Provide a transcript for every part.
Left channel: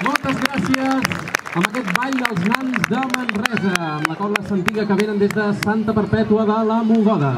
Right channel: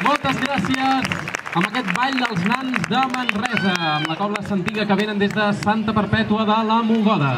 Moltes gràcies amb aquest ball dels nans de Manresa, amb la cobla Santiga que venen des de Santa Perpètua de la Mogoda.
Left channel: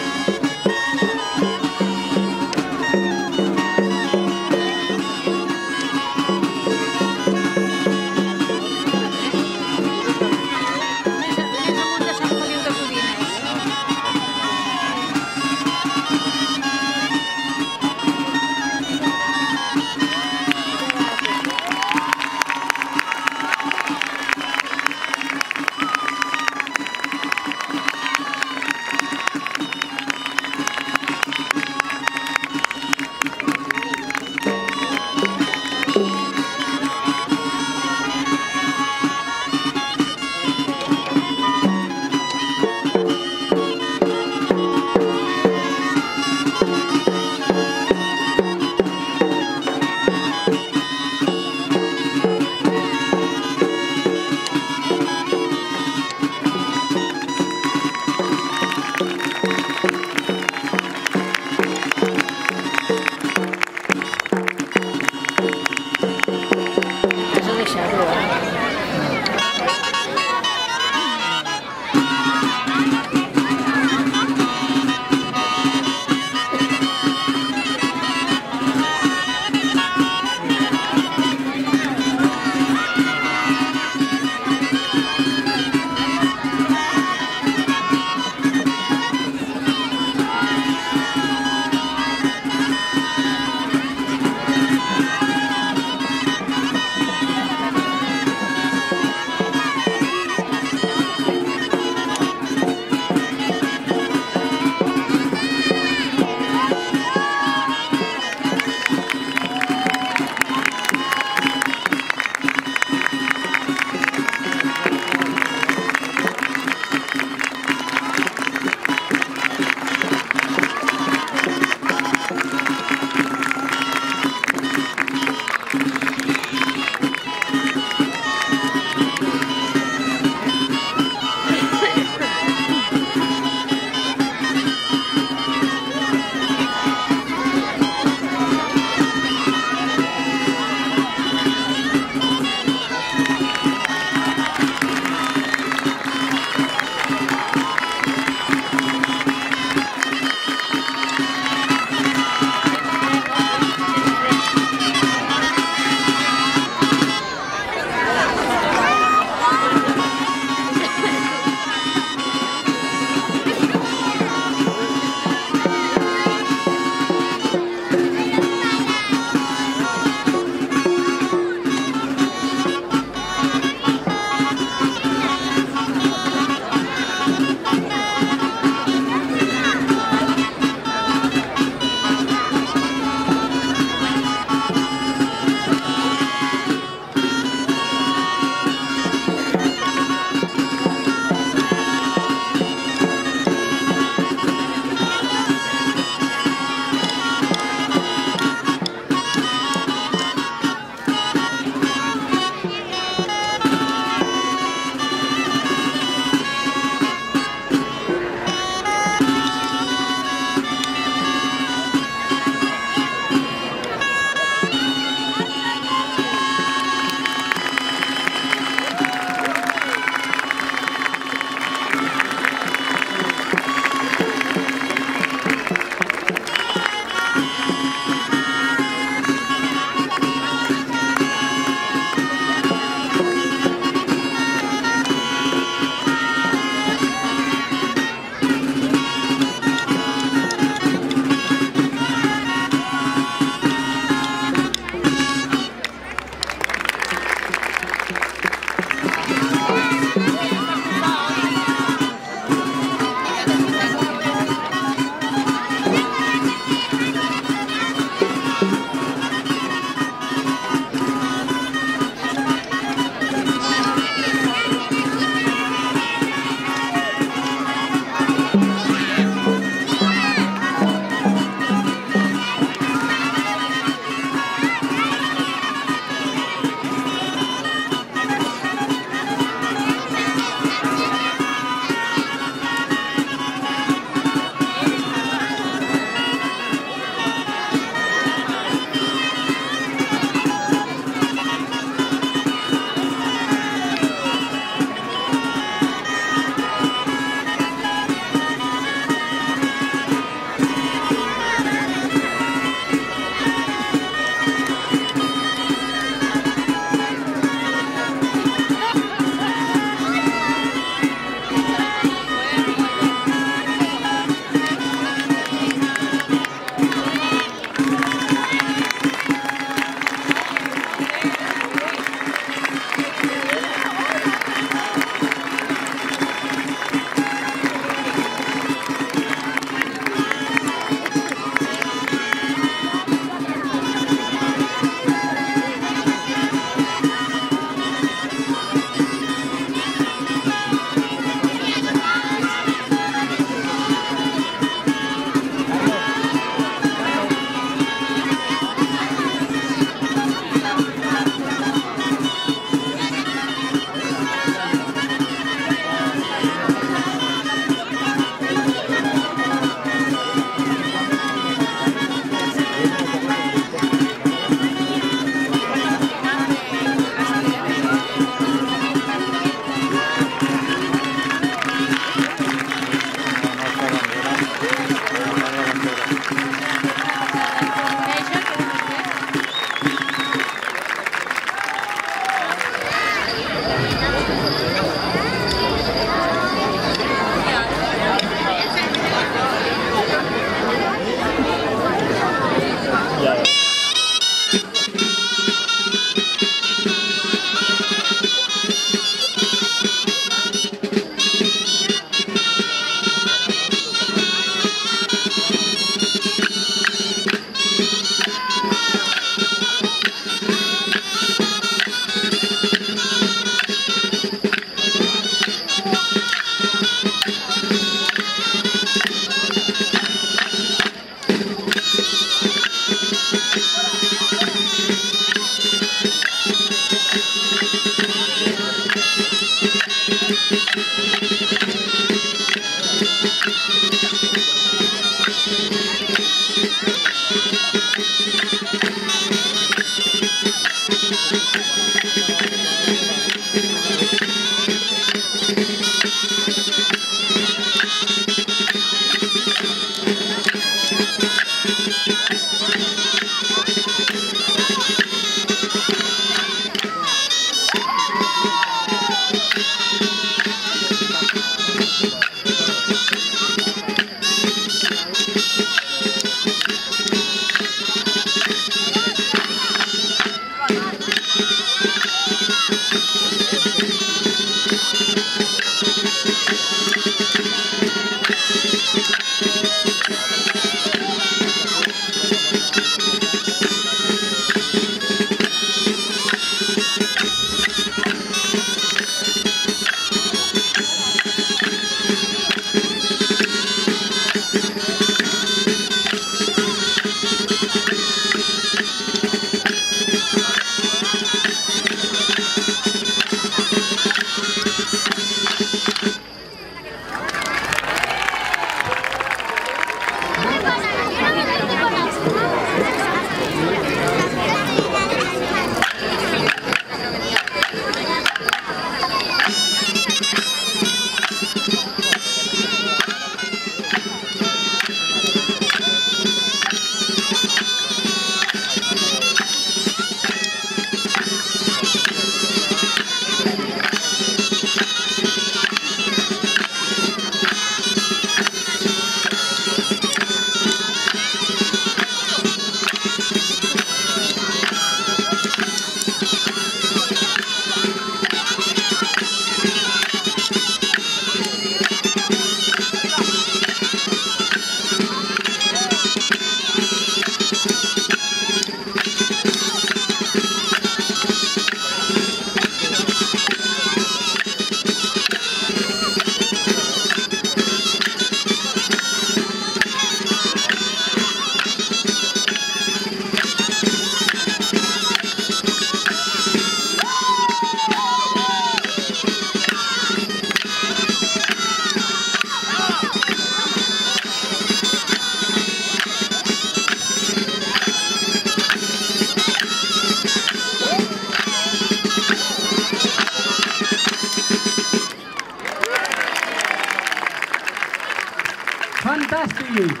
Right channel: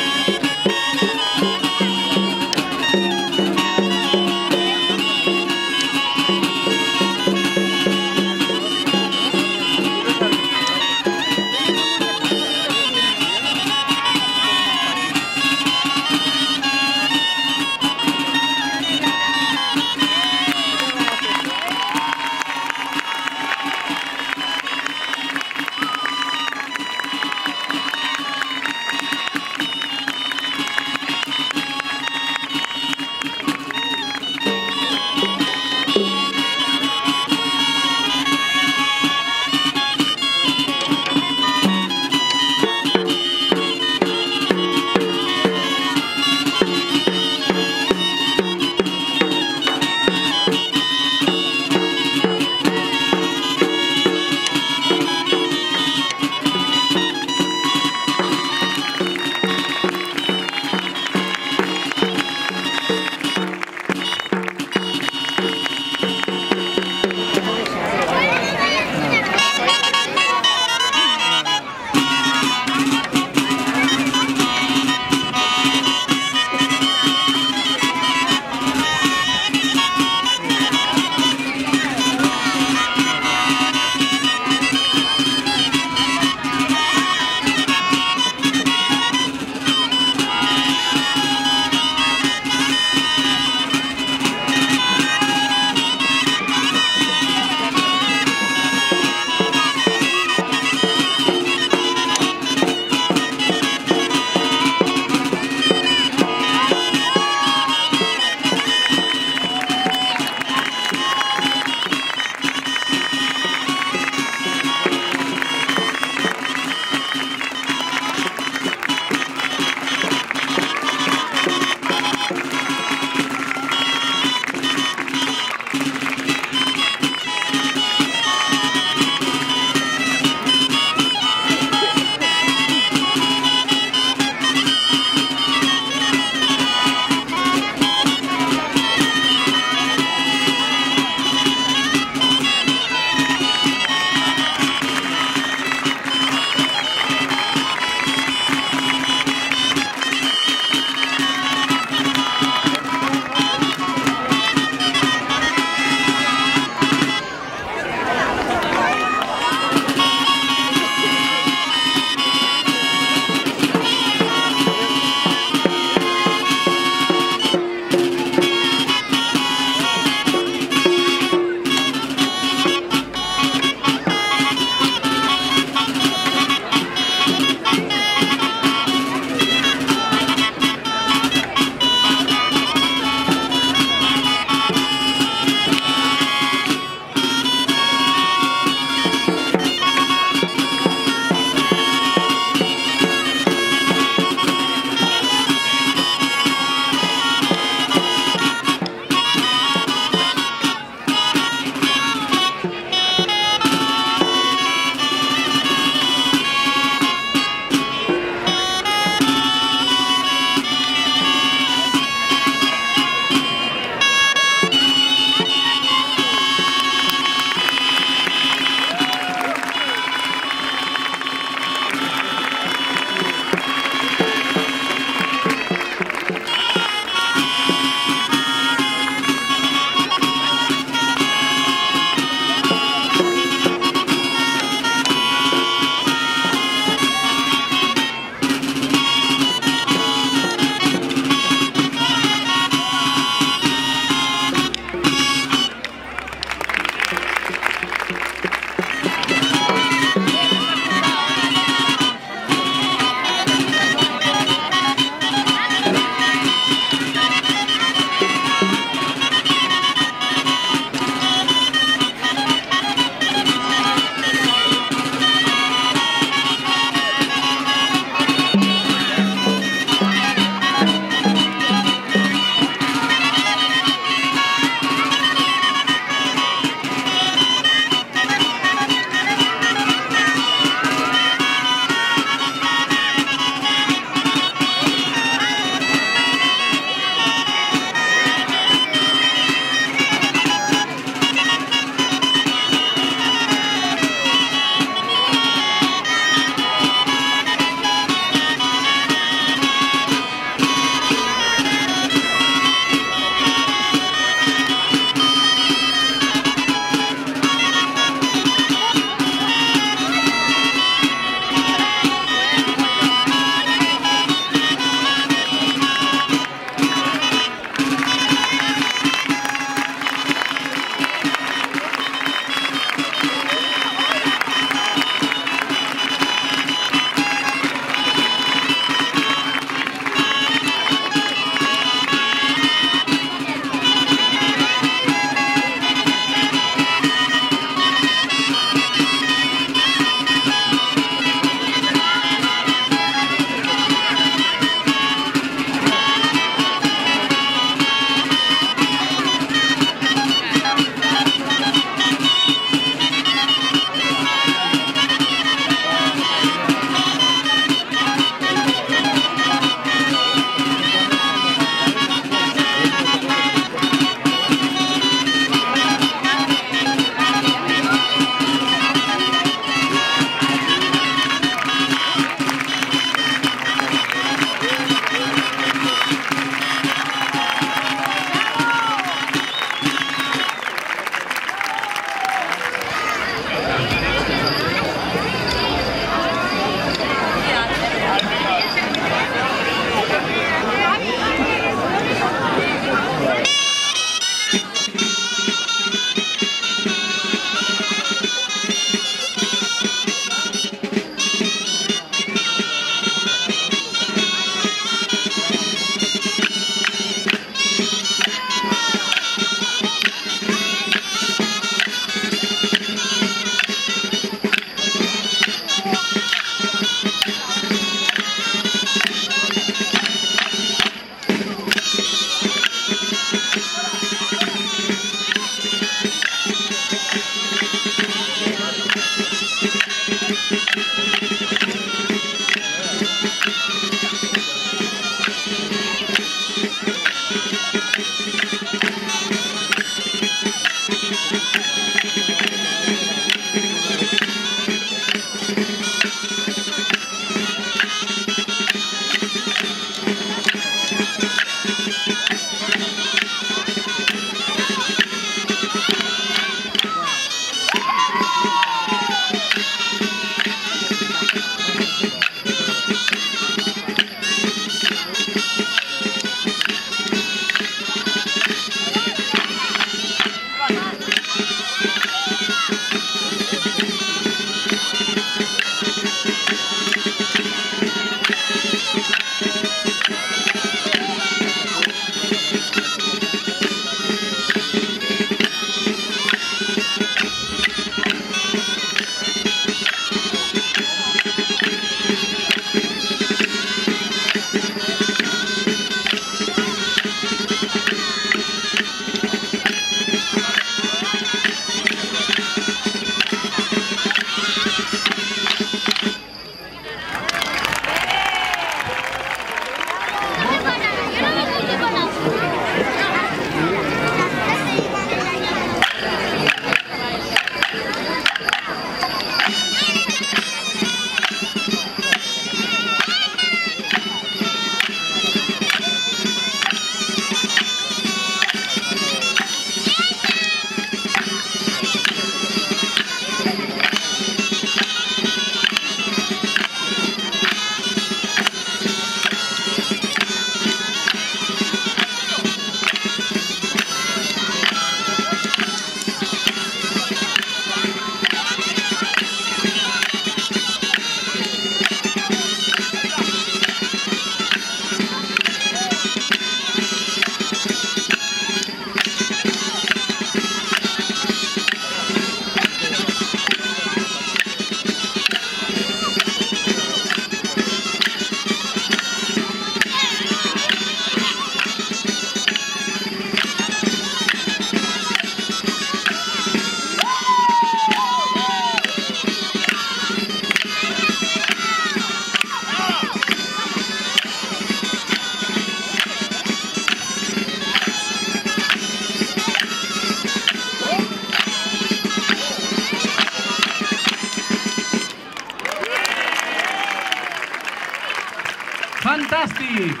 Fantàstic!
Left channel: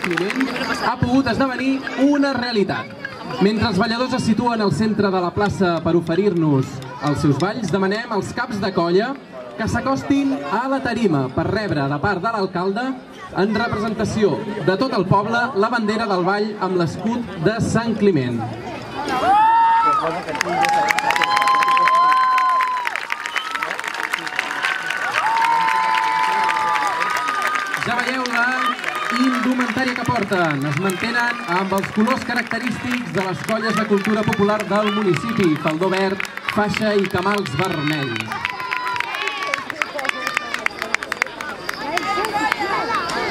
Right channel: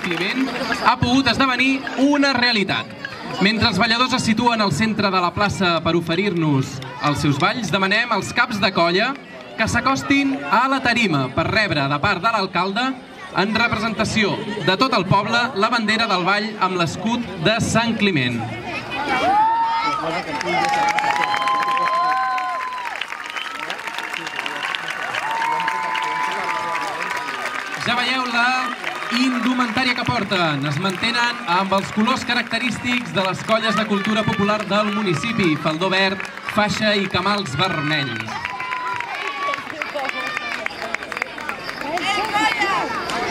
Climent ha pogut esdevenir una realitat. Mentre els balladors es situen al centre de la plaça per oferir-nos els seus balls, demanem als caps de colla que s'acostin a la tarima per rebre de part de l'alcalde, en representació de tot el poble, la bandera del ball amb l'escut de Sant Climent. Ja veieu la indumentària que porten. Es mantenen amb els colors característics de les colles de cultura popular del municipi: faldó verd, faixa i camals vermells.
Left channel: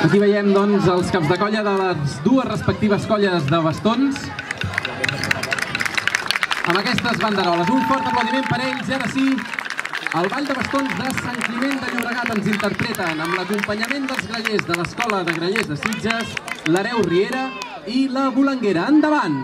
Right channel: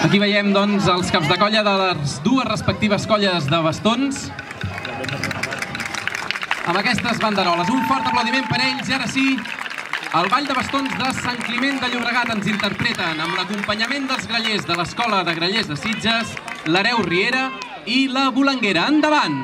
Aquí veiem, doncs, els caps de colla de les dues respectives colles de bastons amb aquestes banderoles. Un fort aplaudiment per ells. I ara sí, el Ball de Bastons de Sant Climent de Llobregat ens interpreten amb l'acompanyament dels grallers de l'Escola de Grallers de Sitges, l'Hereu Riera i la Bolanguera. Endavant!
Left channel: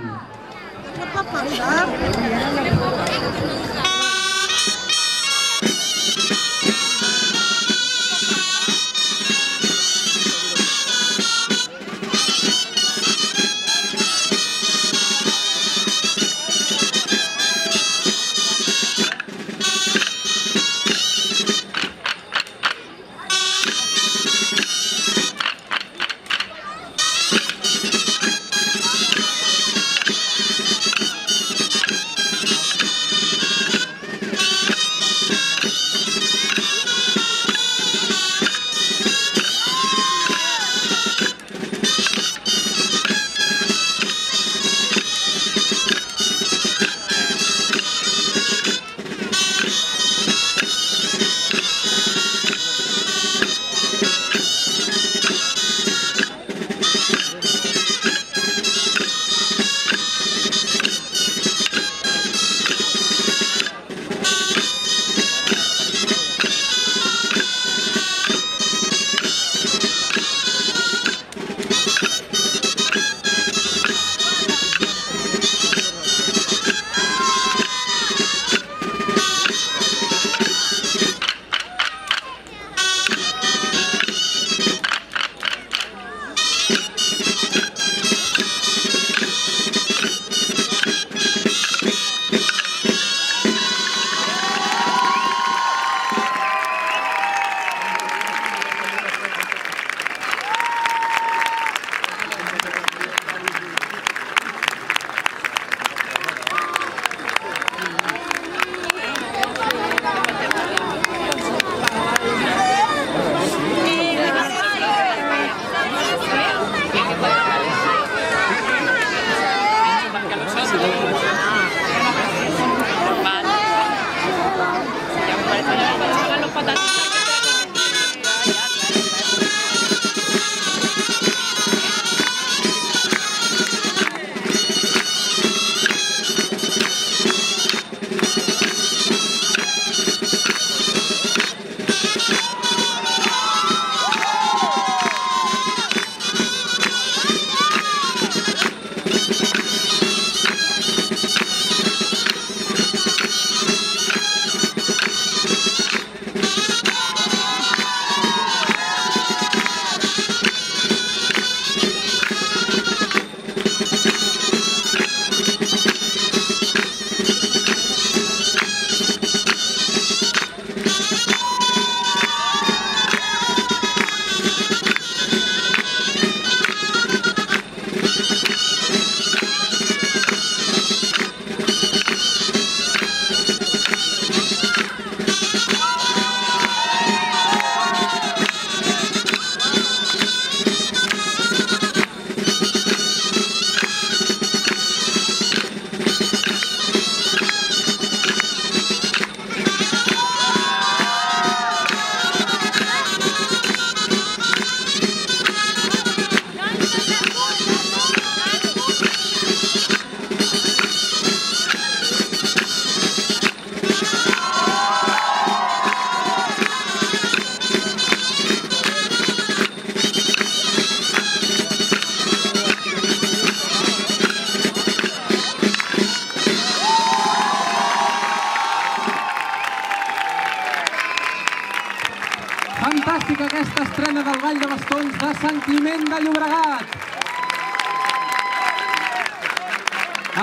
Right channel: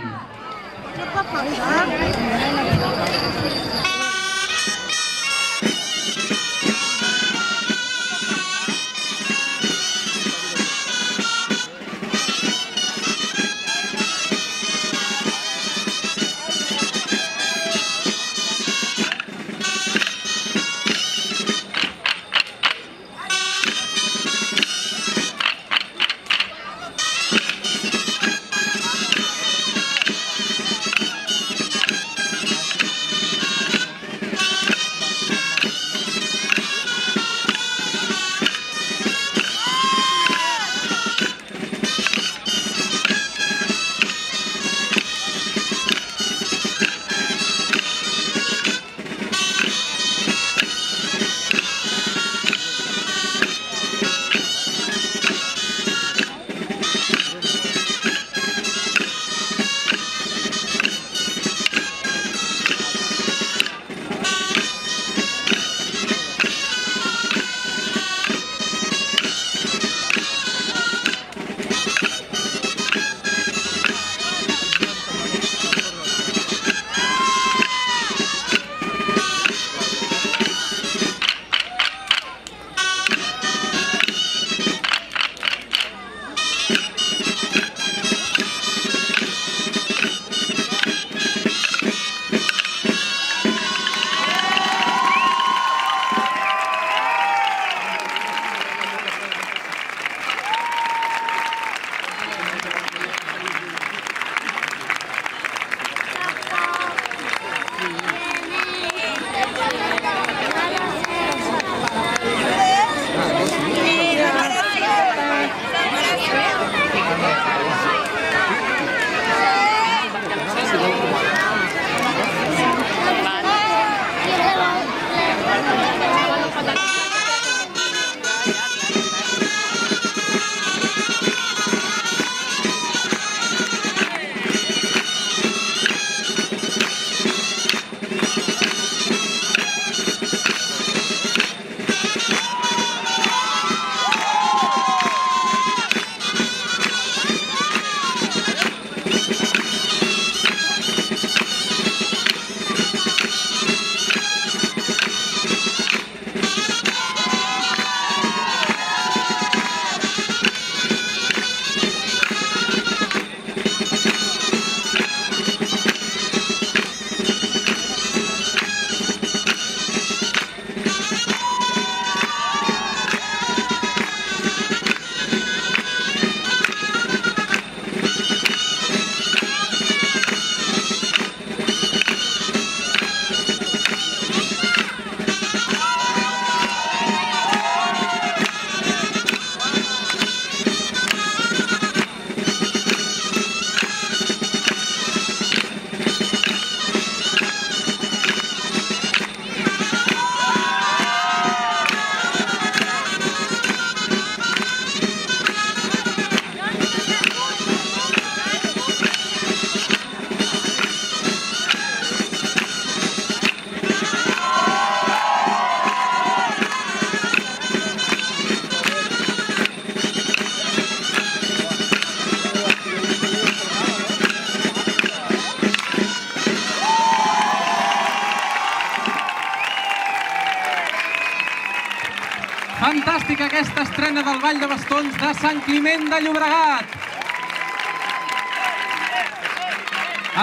Fantàstica aquesta estrena del Ball de Bastons de Sant Climent de Llobregat.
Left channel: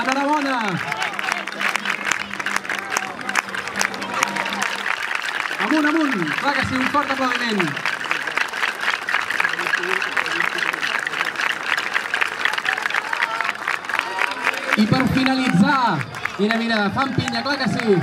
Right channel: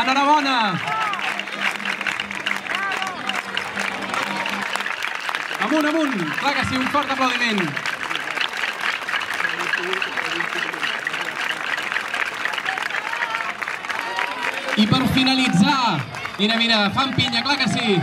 Enhorabona. Amunt, amunt. Clar que sí, un fort aplaudiment. I per finalitzar, mira, fan pinya, clar que sí.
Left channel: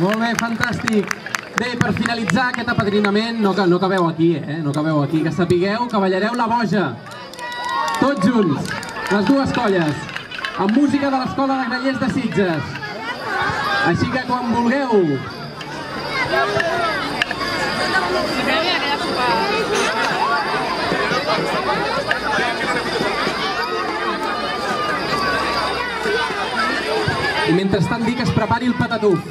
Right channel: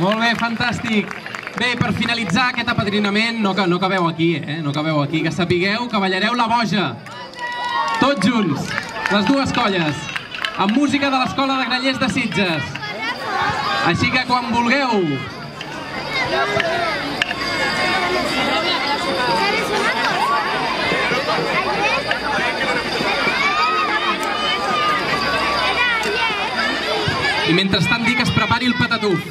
Molt bé, fantàstic. Bé, per finalitzar aquest apadrinament, no acabeu aquí, no acabeu aquí, que sapigueu que ballareu la boja. Tots junts, les dues colles, amb música de l'Escola de Grallers de Sitges. Així que quan vulgueu. I mentrestant dic que es prepari el patatús.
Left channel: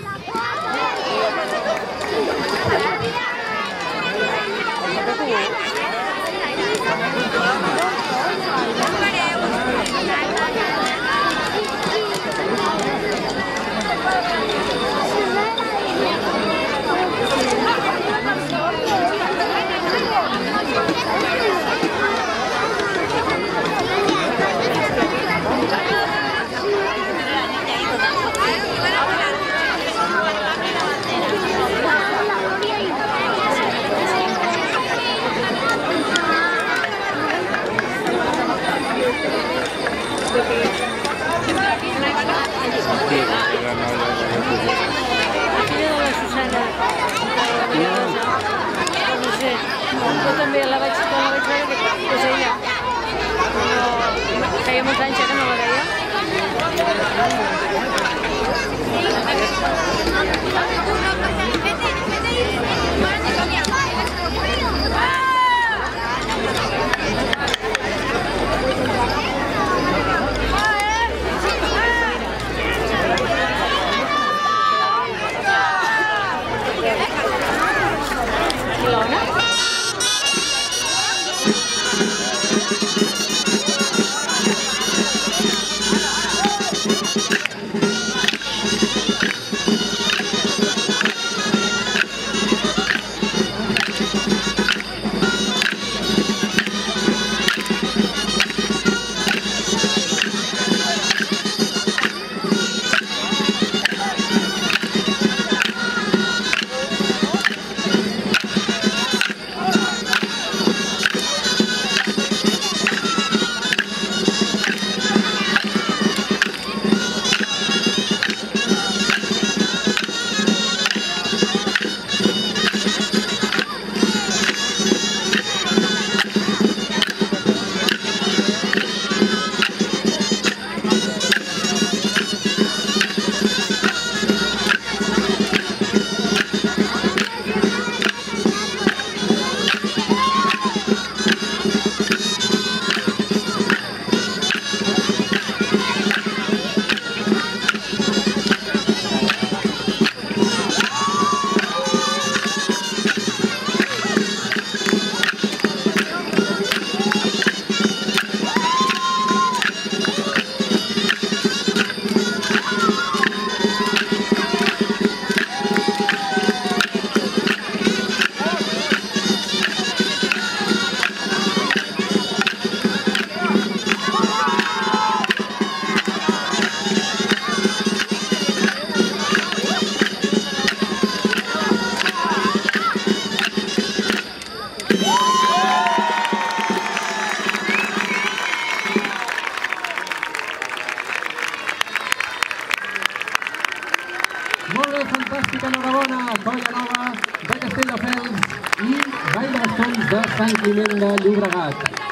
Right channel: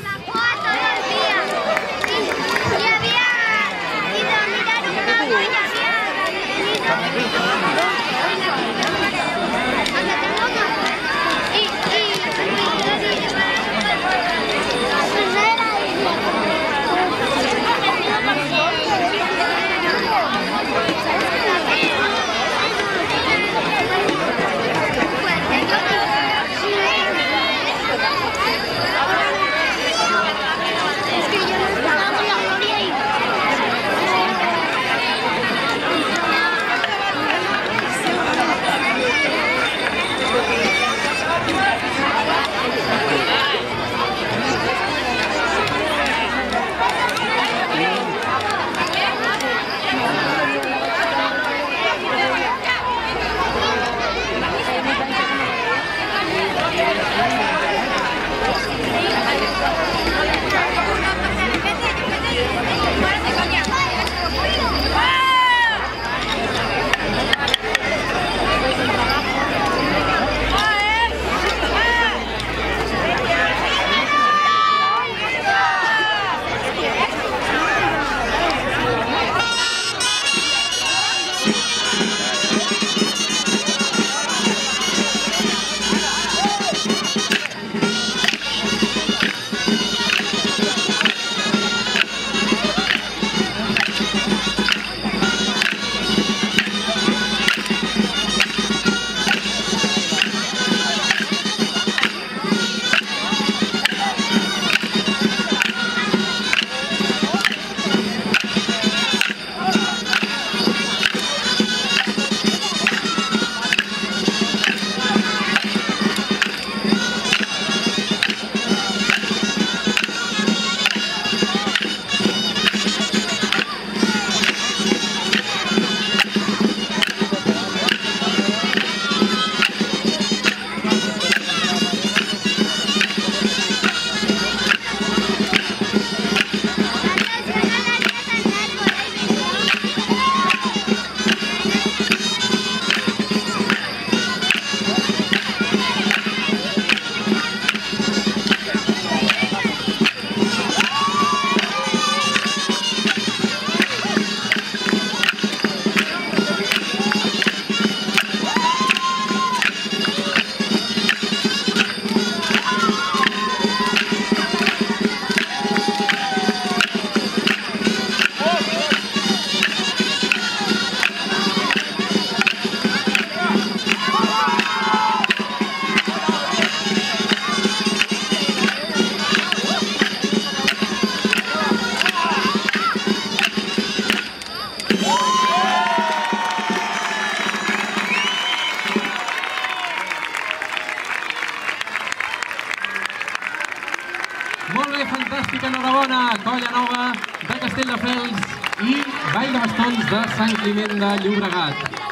Fantàstica, enhorabona, Colla Nova de Castelldefels i Ball de Bastons de Sant Climent de Llobregat.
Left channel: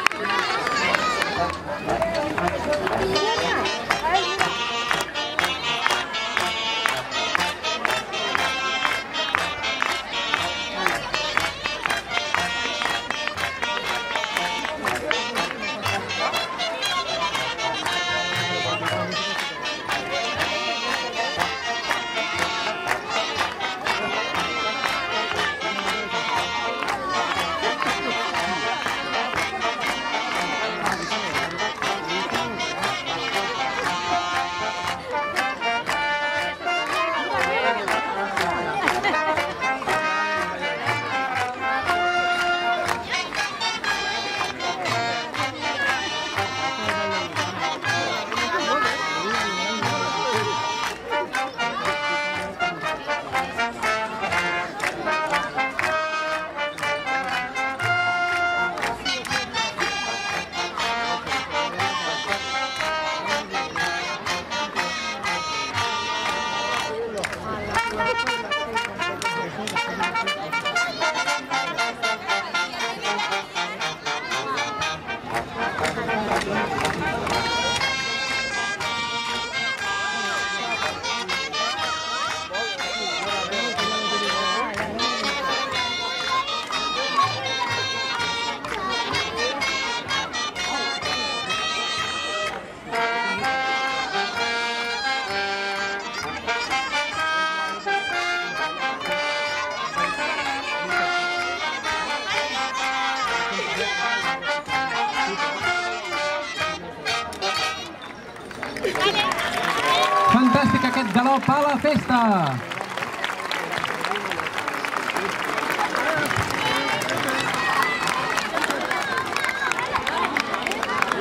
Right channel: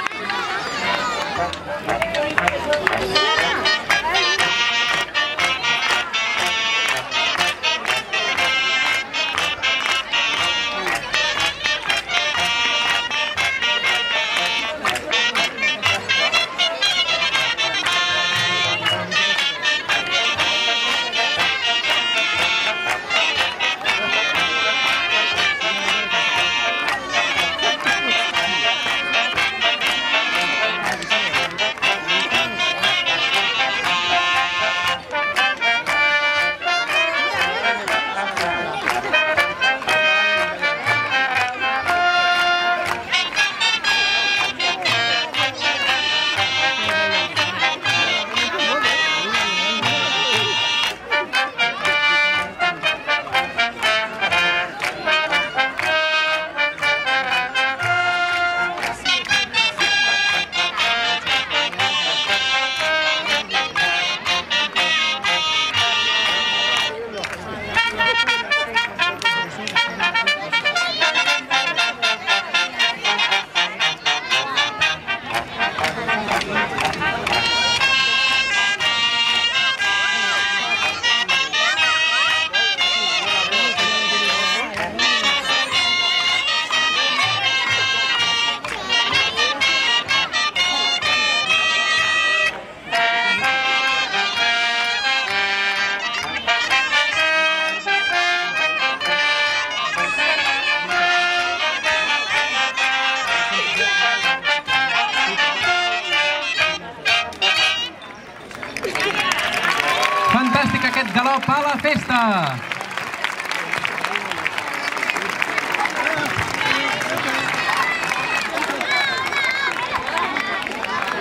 Fantàstic aquest galop a la festa!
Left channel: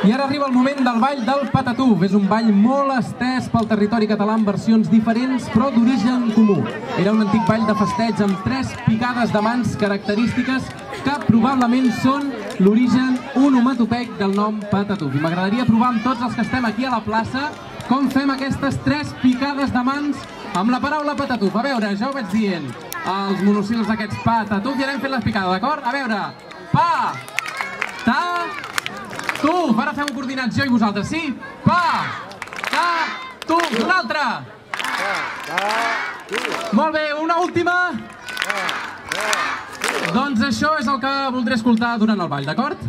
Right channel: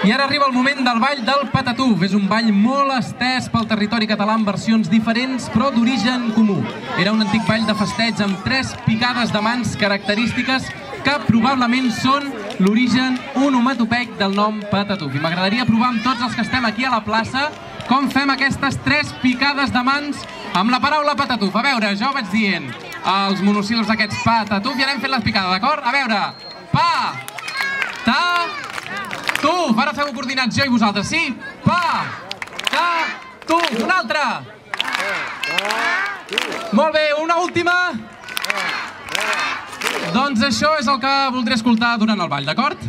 I ara arriba el moment del ball del Patatús. És un ball molt estès pel territori català amb versions diferents però d'origen comú. Era un antic ball de festeig amb 3 picades de mans característiques que probablement són l'origen onomatopeic del nom Patatús. I m'agradaria provar amb tots els que estem aquí a la plaça com fem aquestes 3 picades de mans amb la paraula Patatús. A veure, jo vaig dient els monosíl·labs aquests Patatús i anem fent les picades, d'acord? A veure, pa, ta, tuf. Ara feu coordinats jo i vosaltres, sí? Pa, ta, tuf. Una altra. Molt bé, una última. Doncs això és el que voldré escoltar durant el ball, d'acord?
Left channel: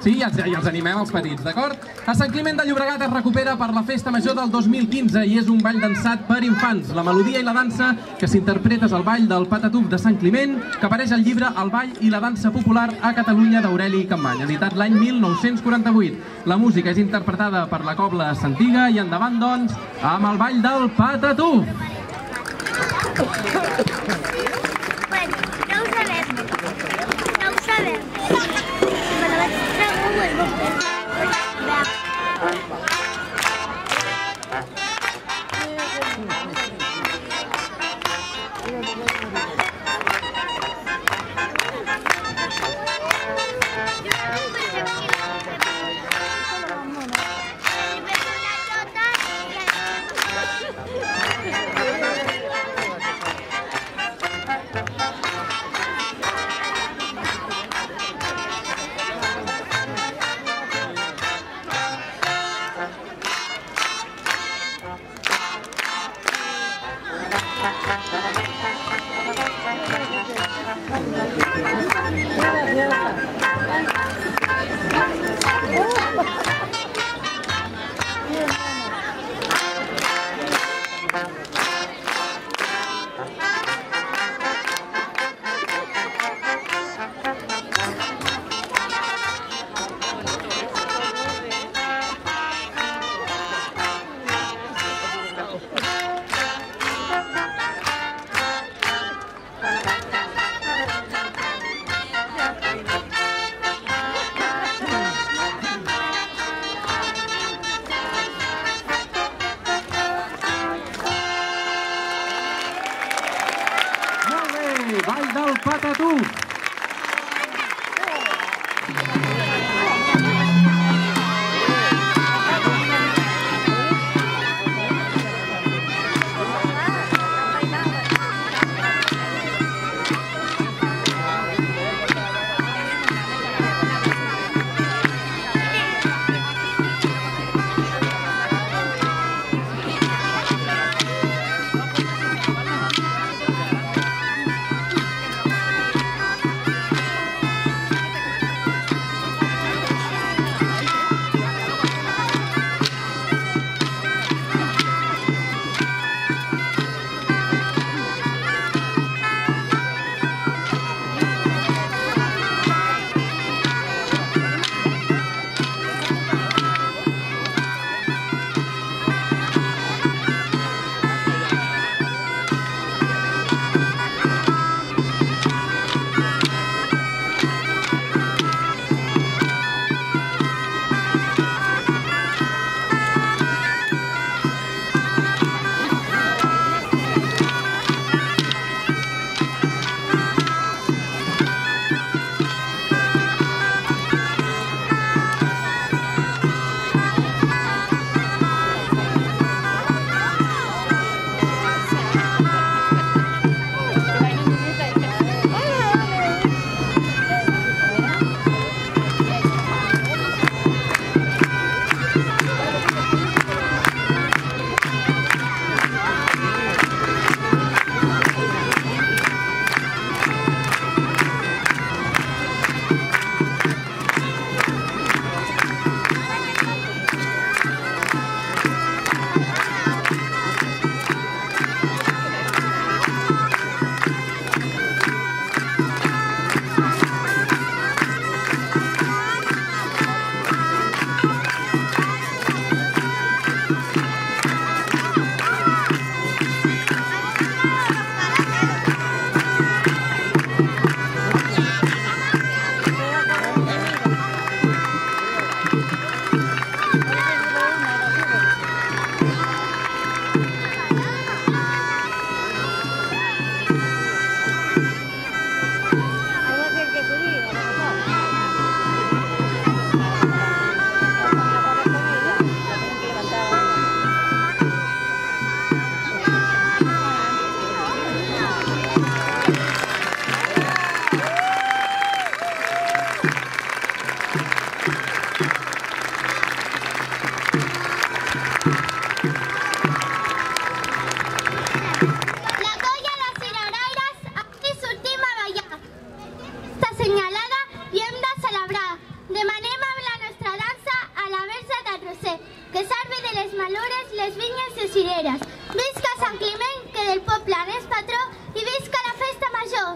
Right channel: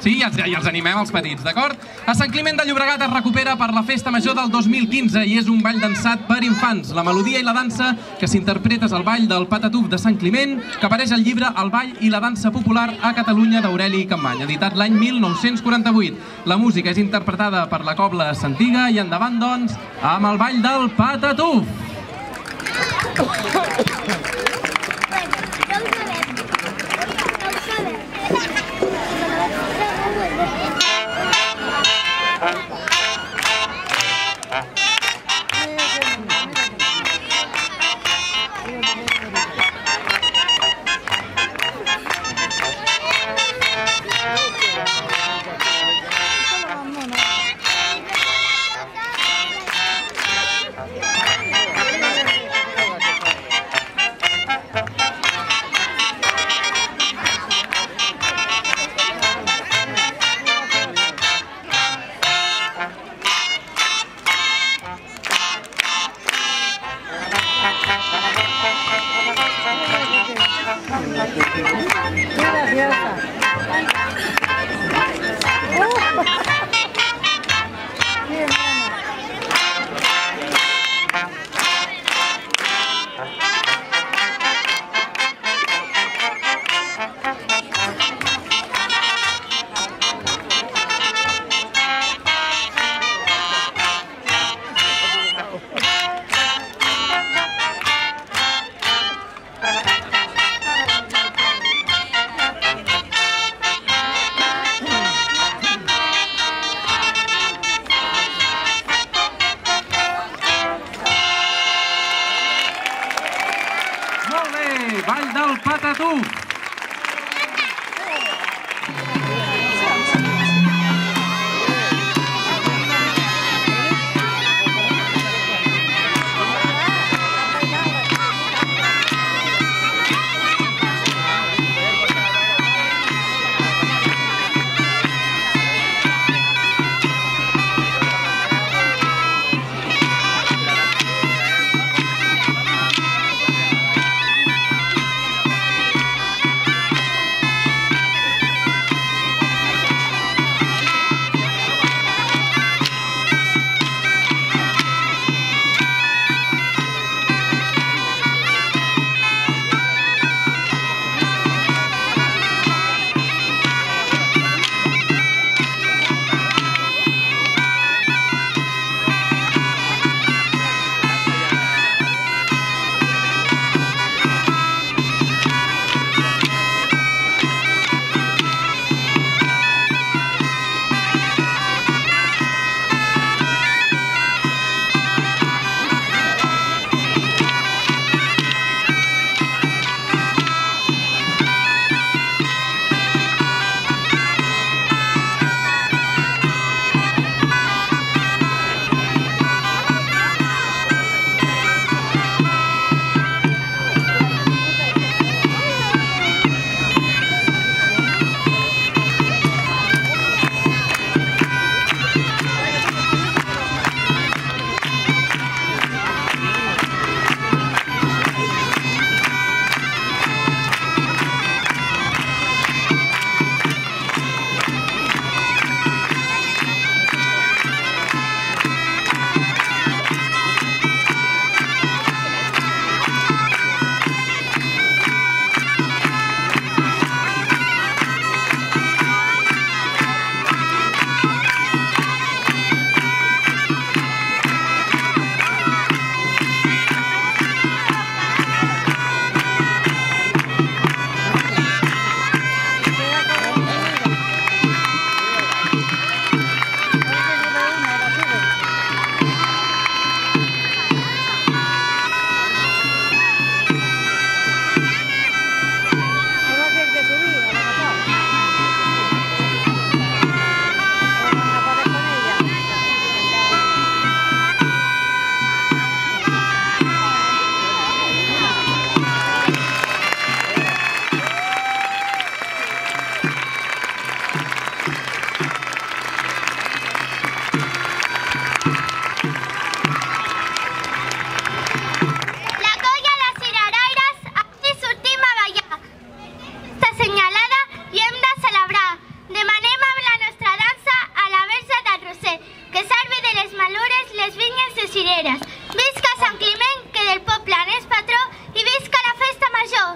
Sí, i els animem els petits, d'acord? A Sant Climent de Llobregat es recupera per la Festa Major del 2015 i és un ball dansat per infants. La melodia i la dansa que s'interpreta és el ball del Patatús de Sant Climent, que apareix al llibre El ball i la dansa popular a Catalunya d'Aureli Campmany, editat l'any 1948. La música és interpretada per la Cobla Santiga i endavant, doncs, amb el ball del Patatús. La colla de cireraires, avui sortim a ballar. Està assenyalada i hem de celebrar. Demanem amb la nostra dansa a la Verge del Roser, que servi de les malures les vinyes de cireres. Visca Sant Climent, que del poble n'és patró, i visca la festa major!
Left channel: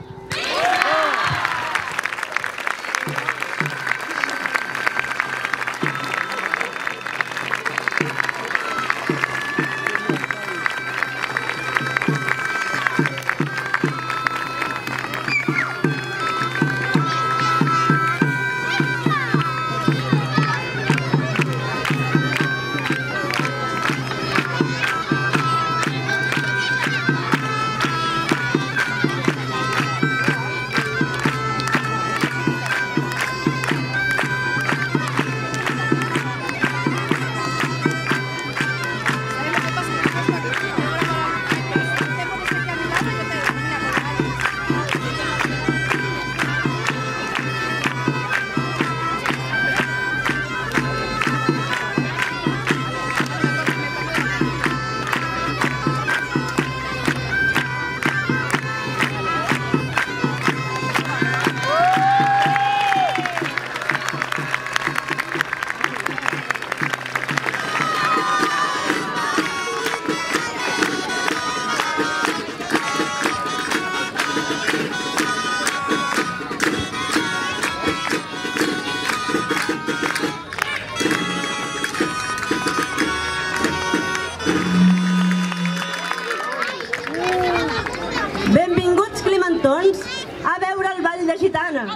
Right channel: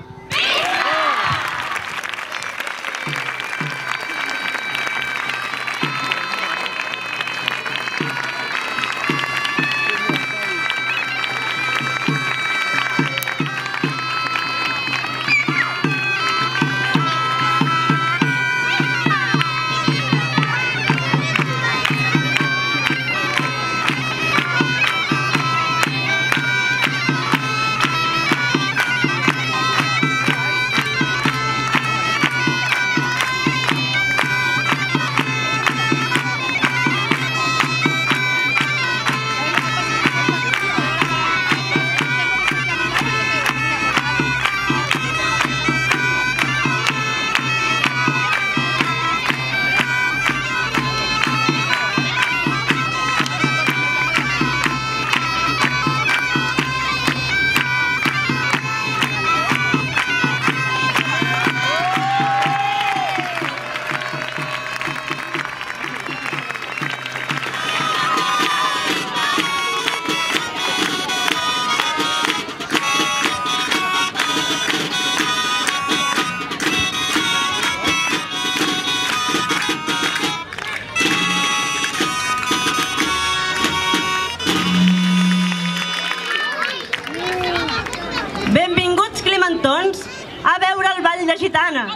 Benvinguts, climentons, a veure el ball de gitanes.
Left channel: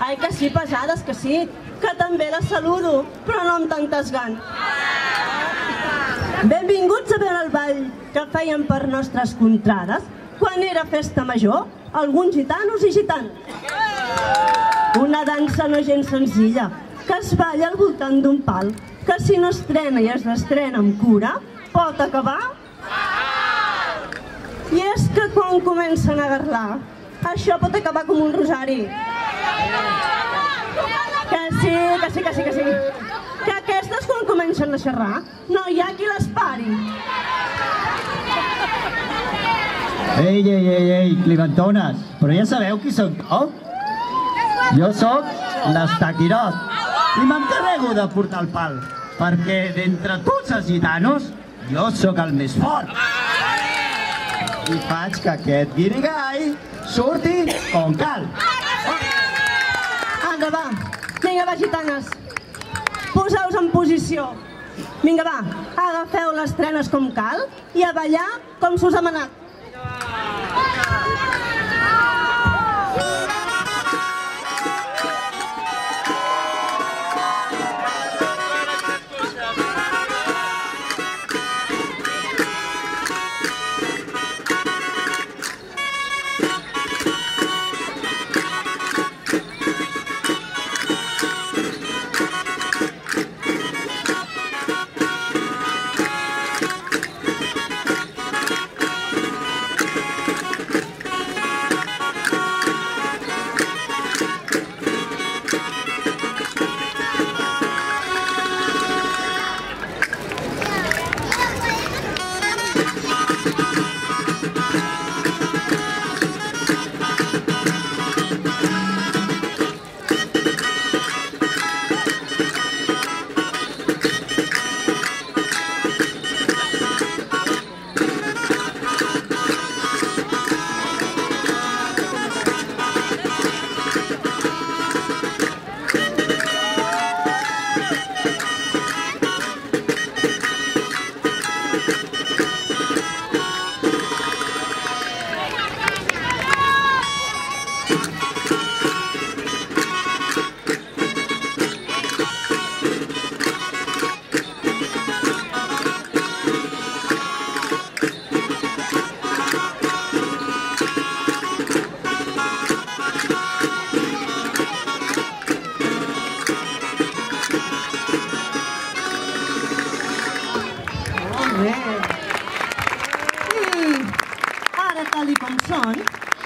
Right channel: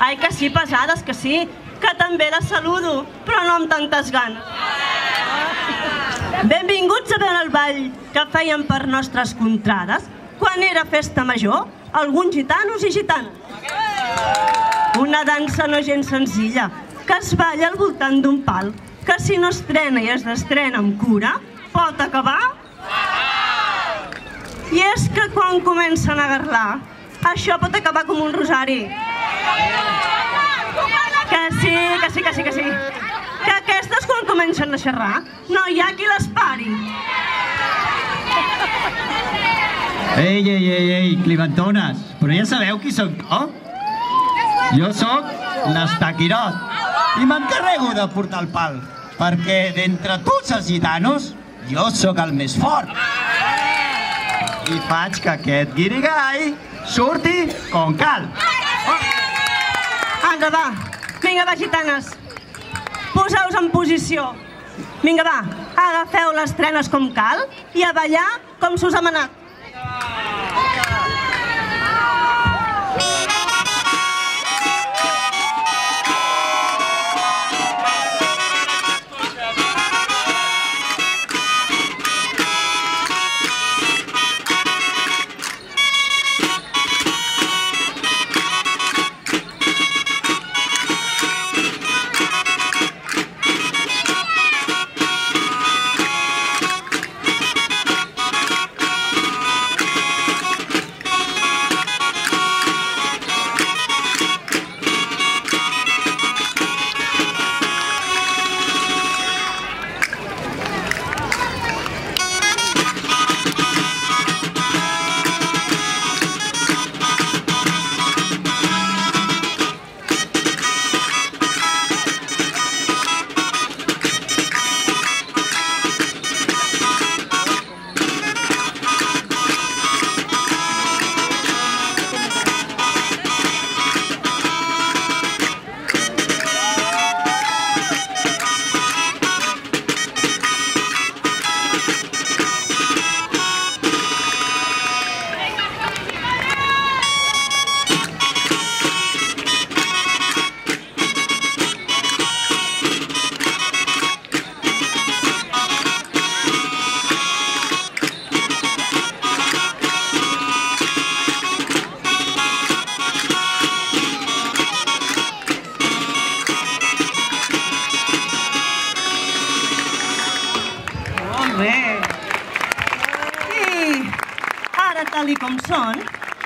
Ai, que sí, pesades, que sí, que també les saludo, però no amb tantes ganes. Benvinguts a veure el ball que feien per nostres contrades quan era festa major, alguns gitanos i gitanes. Una dansa no gens senzilla, que es balla al voltant d'un pal, que si no estrena i es destrena amb cura, pot acabar... I és que quan comencen a garlar, això pot acabar com un rosari. Que sí. Que aquestes quan comencen a xerrar, no hi ha qui les pari. Ei, climentones, però ja sabeu qui sóc jo? Jo sóc l'Estaquirot i m'encarrego de portar el pal, perquè d'entre tots els gitanos jo sóc el més fort. I faig que aquest guirigall surti com cal. Vinga, va, gitanes, poseu-vos en posició. Vinga, va, agafeu les trenes com cal i a ballar com s'us ha manat. tal i com són,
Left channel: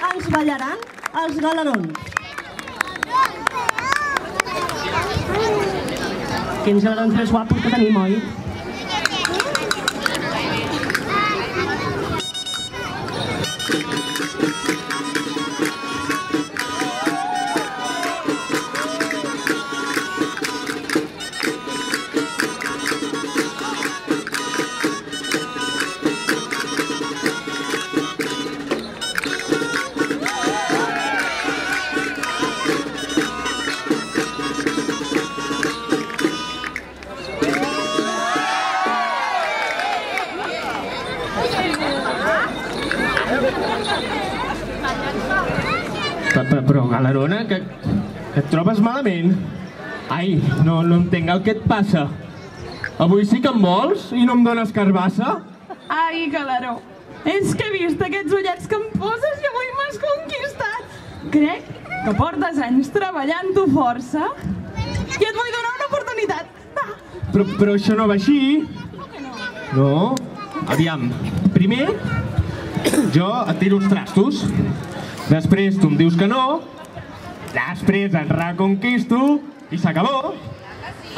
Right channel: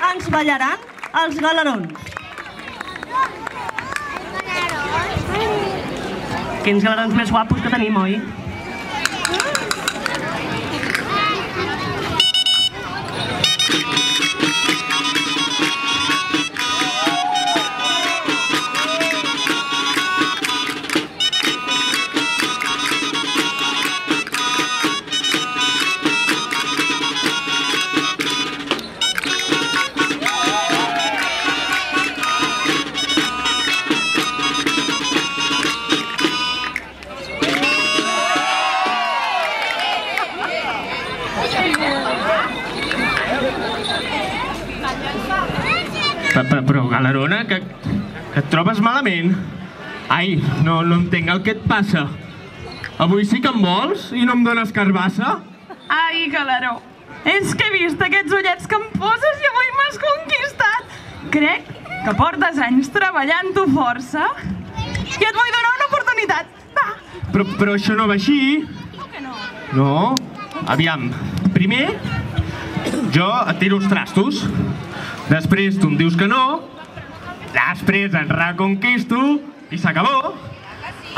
ens ballaran els galerons. Quins galants més guapos que tenim, oi? Però, Galerona, que et trobes malament? Ai, no entenc el que et passa. Avui sí que em vols i no em dones carbassa? Ai, Galeró, és que he vist aquests ullets que em poses i avui m'has conquistat. Crec que portes anys treballant-ho força i et vull donar una oportunitat. Va. Però això no va així. No? Aviam, primer jo et tiro els trastos. Després tu em dius que no, després et reconquisto i s'acabó.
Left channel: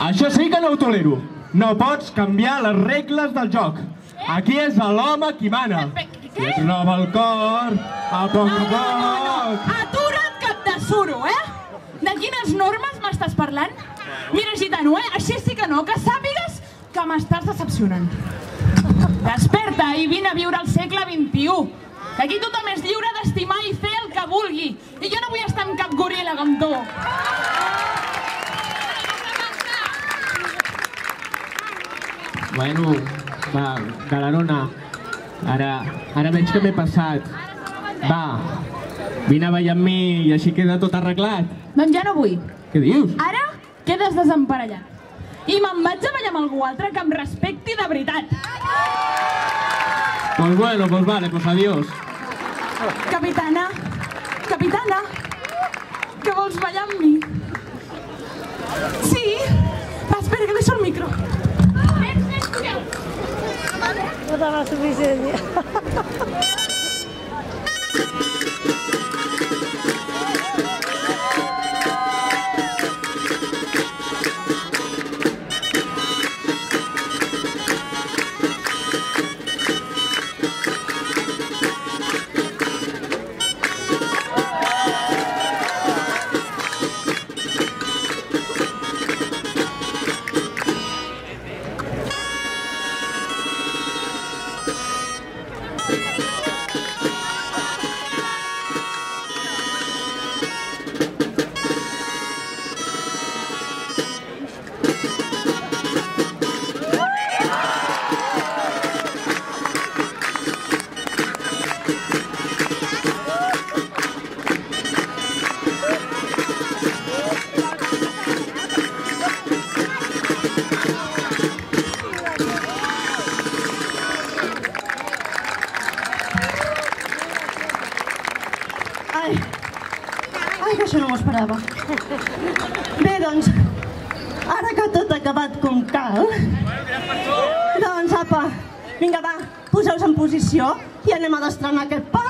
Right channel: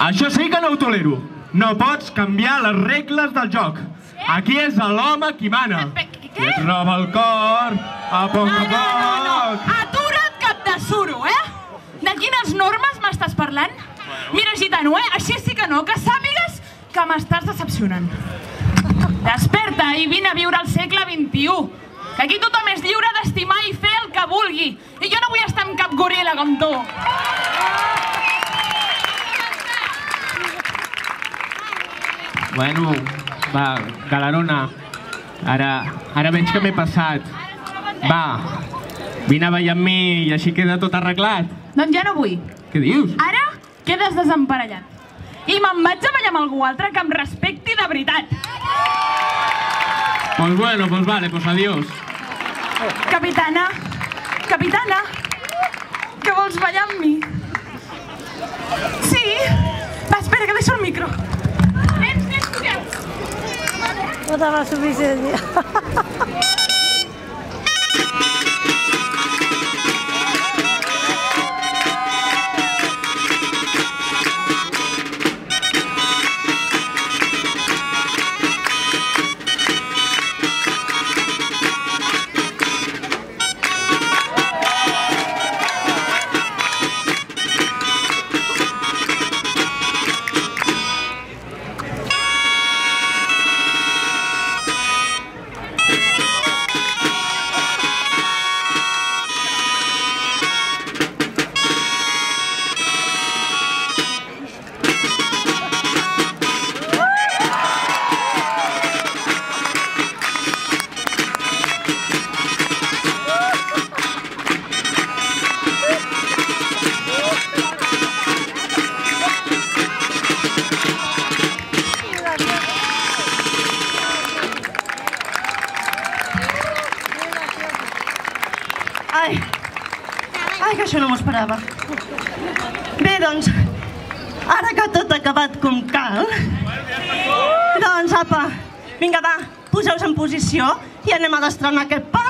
Això sí que no ho tolero. No pots canviar les regles del joc. Aquí és l'home qui mana. Qui et roba el cor, a poc a poc. Atura't, cap de suro, De quines normes m'estàs parlant? Mira, gitano, així sí que no, que sàpigues que m'estàs decepcionant. Desperta i vine a viure al segle XXI. Que aquí tothom és lliure d'estimar i fer el que vulgui. I jo no vull estar amb cap goril·la com tu. Bueno, va, Galerona, ara veig que m'he passat. Va, vine a ballar amb mi i així queda tot arreglat. Doncs ja no vull. Què dius? Ara quedes desemparellat. I me'n vaig a ballar amb algú altre que em respecti de veritat. Pues bueno, pues vale, pues adiós. Capitana, que vols ballar amb mi? Sí? Va, espera, que deixo el micro. Vens, collons. No te va suficient. Ai, que això no m'ho esperava. Bé, doncs, ara que tot ha acabat com cal, doncs, apa, vinga, va, poseu-vos en posició i anem a destrenar aquest pal.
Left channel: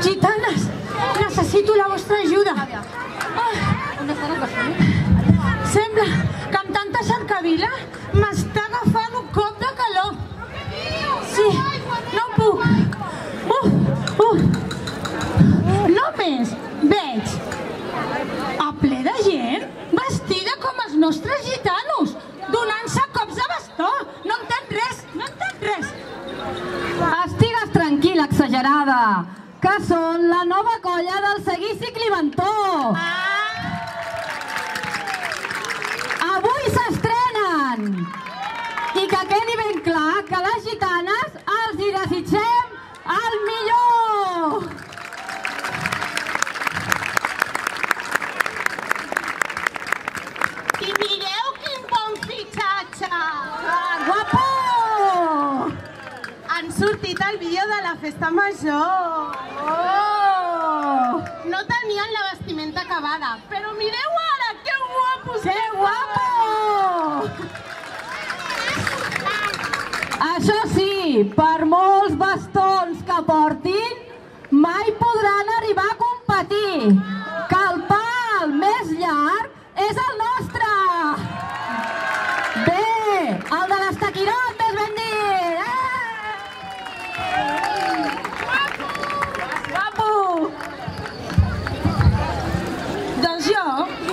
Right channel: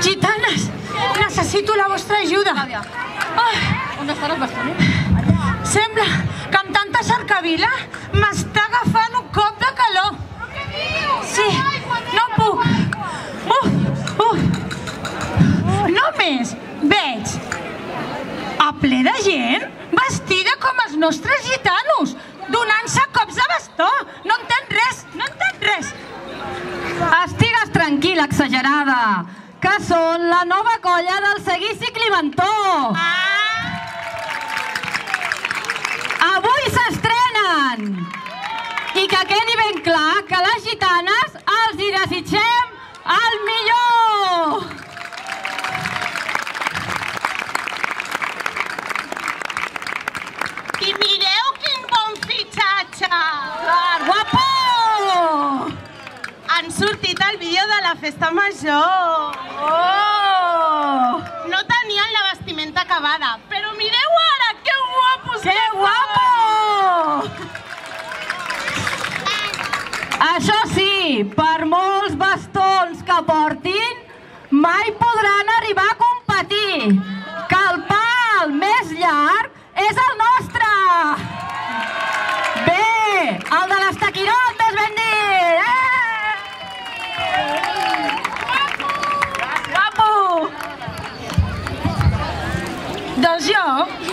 Gitanes, necessito la vostra ajuda. Sembla que amb tanta cercavila m'està agafant un cop de calor. Sí, no puc. Només veig a ple de gent vestida com els nostres gitanos, donant-se cops de bastó. No entenc res, no entenc res. Estigues tranquil·la, exagerada, que són la nova colla del Seguici Climentó. endavant. I que quedi ben clar que les gitanes els hi desitgem el millor! I mireu quin bon fitxatge! Guapo! Han sortit el vídeo de la festa major. No tenien la vestimenta acabada, però mireu ara, que guapos! Que guapo! Això sí, per molts bastons que portin, mai podran arribar a competir, que el pal més llarg és el nostre! Bé, el de l'Estaquirot, més ben dit! Guapo! Doncs jo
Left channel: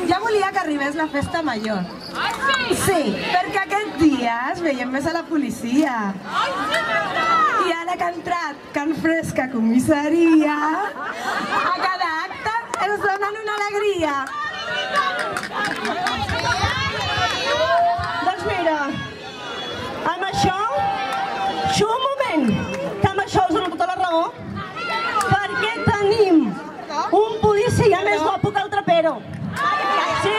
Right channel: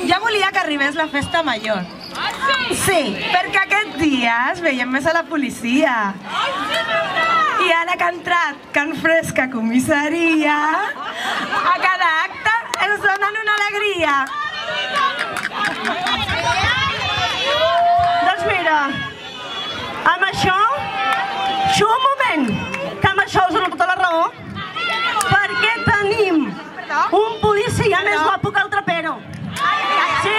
ja volia que arribés la festa major. Ah, sí? Sí, perquè aquest dia es veiem més a la policia. Ai, sí, veurà! I ara que ha entrat Can Fresca Comissaria, a cada acte ens donen una alegria. Doncs mira, amb això, un moment, que amb això us dono tota la raó, perquè tenim un policia més guapo que el trapero. Sí,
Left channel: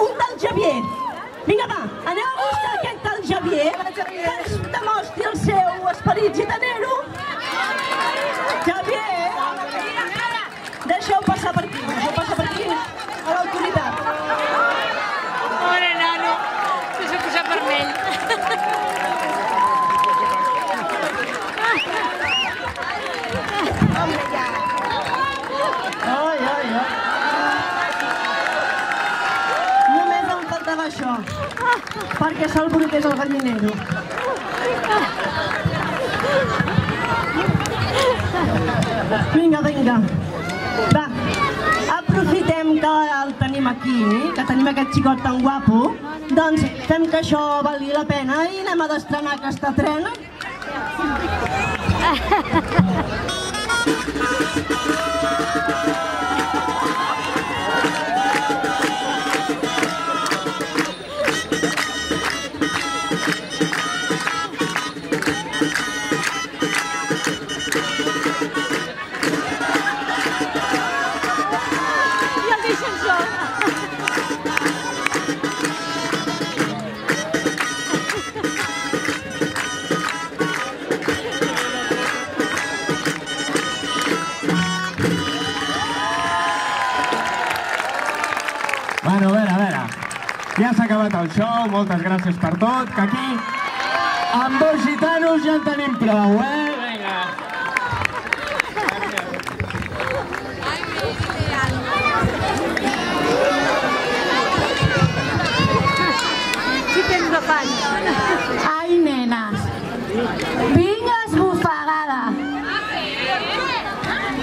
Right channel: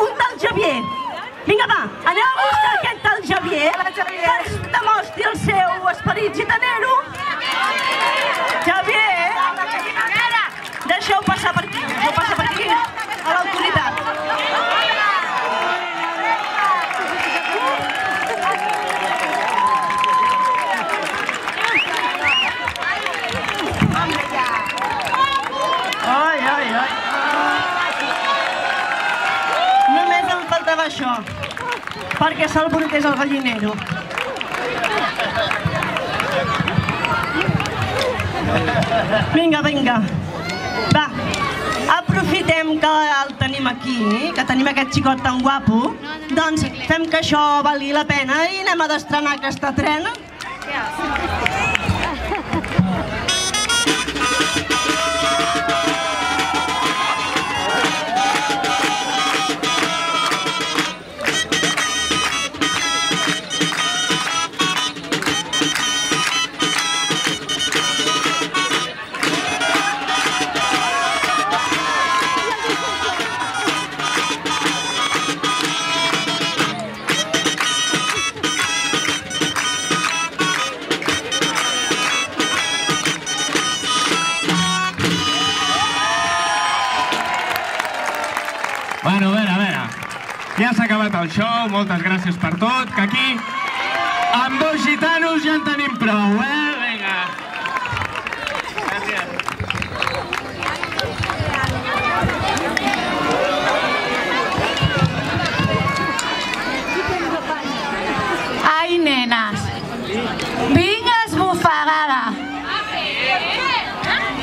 un tal Javier. Vinga, va, aneu a buscar aquest tal Javier, que ens demostri el seu esperit gitanero. Javier, deixeu passar per aquí, a l'autoritat. Només em faltava això, perquè s'alborotés el gallinero. Vinga. Va, aprofitem que el tenim aquí, que tenim aquest xicot tan guapo, doncs fem que això valgui la pena i anem a d'estrenar aquesta trena. Bueno, a veure. Ja s'ha acabat el show, moltes gràcies per tot, que aquí amb 2 gitanos ja en tenim prou, Vinga. Ai, nenes, vinc esbufegada.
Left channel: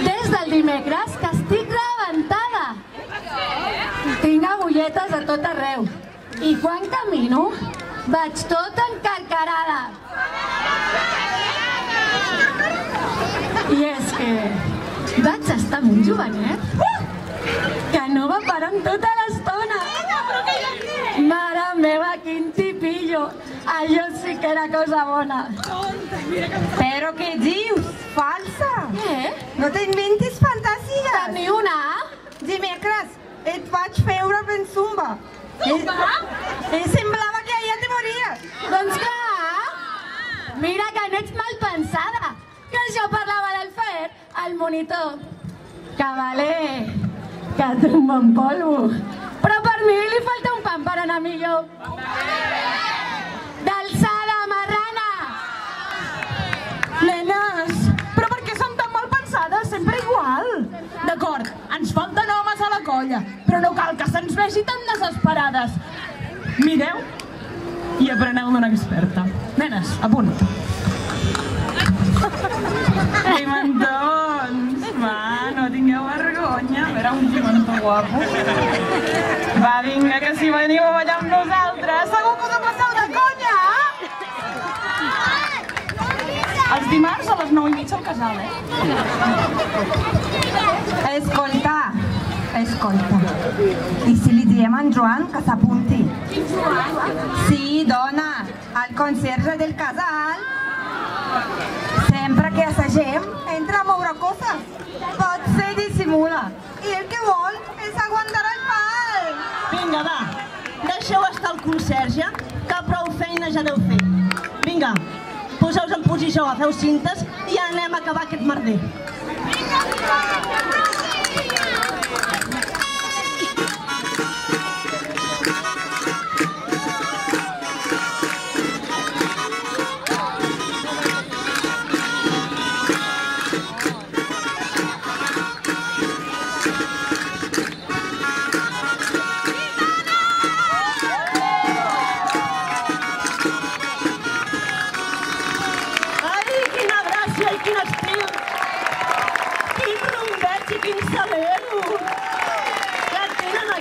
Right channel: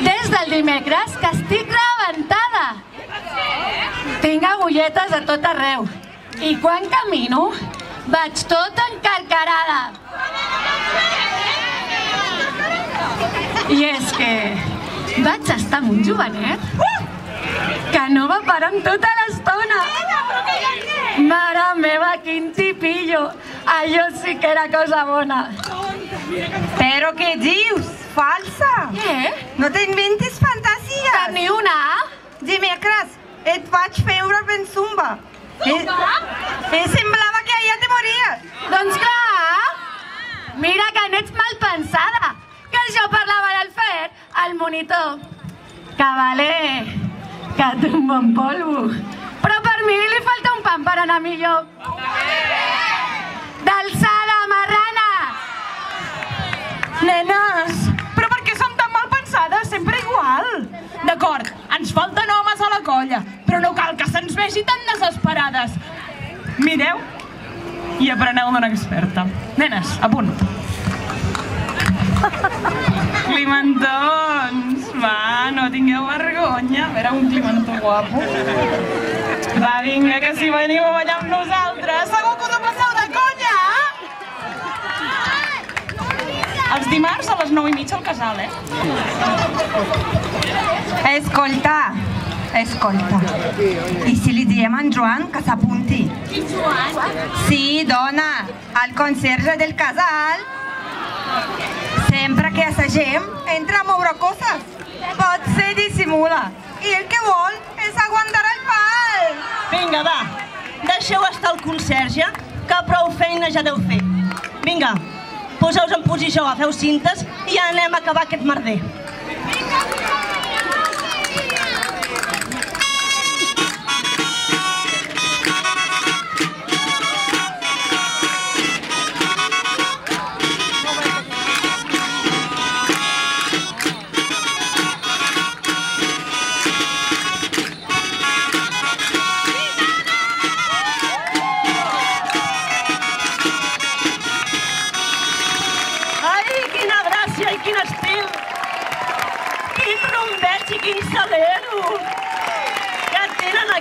Des del dimecres que estic rebentada. Tinc agulletes a tot arreu. I quan camino, vaig tot encarcarada. I és que vaig estar amb un jovenet que no va parar amb tota l'estona. Mare meva, quin tipillo. Allò sí que era cosa bona. Però què dius? Falsa! Què? No t'inventis fantasies! Que ni una? Dimecres et vaig veure fent zumba. Zumba? I semblava que allà te mories. Doncs clar! Mira que n'ets mal pensada, que jo parlava del fer al monitor. Que vale, que tomba en polvo. Però per mi li falta un pam per anar millor. D'alçada, marrana! Nenes, però per què són tan mal pensades? Sempre igual. D'acord, ens falten homes a la colla, però no cal que se'ns vegi tan desesperades. Mireu i apreneu d'una experta. Nenes, a punt. Pimentons, va, no tingueu vergonya. A veure, un pimentó guapo. Va, vinga, que si veniu a ballar amb nosaltres, segur que us ho passeu de conya! Els dimarts a les 9:30 al casal, Escolta, Escolta, i si li diem a en Joan que s'apunti? Sí, dona, el conserge del casal. Sempre que assagem, entra a moure coses. Potser dissimula. I el que vol és aguantar el pal. Vinga, va, deixeu estar el conserge, que prou feina ja deu fer. Vinga, poseu-vos en posició, agafeu cintes i anem a acabar aquest merder.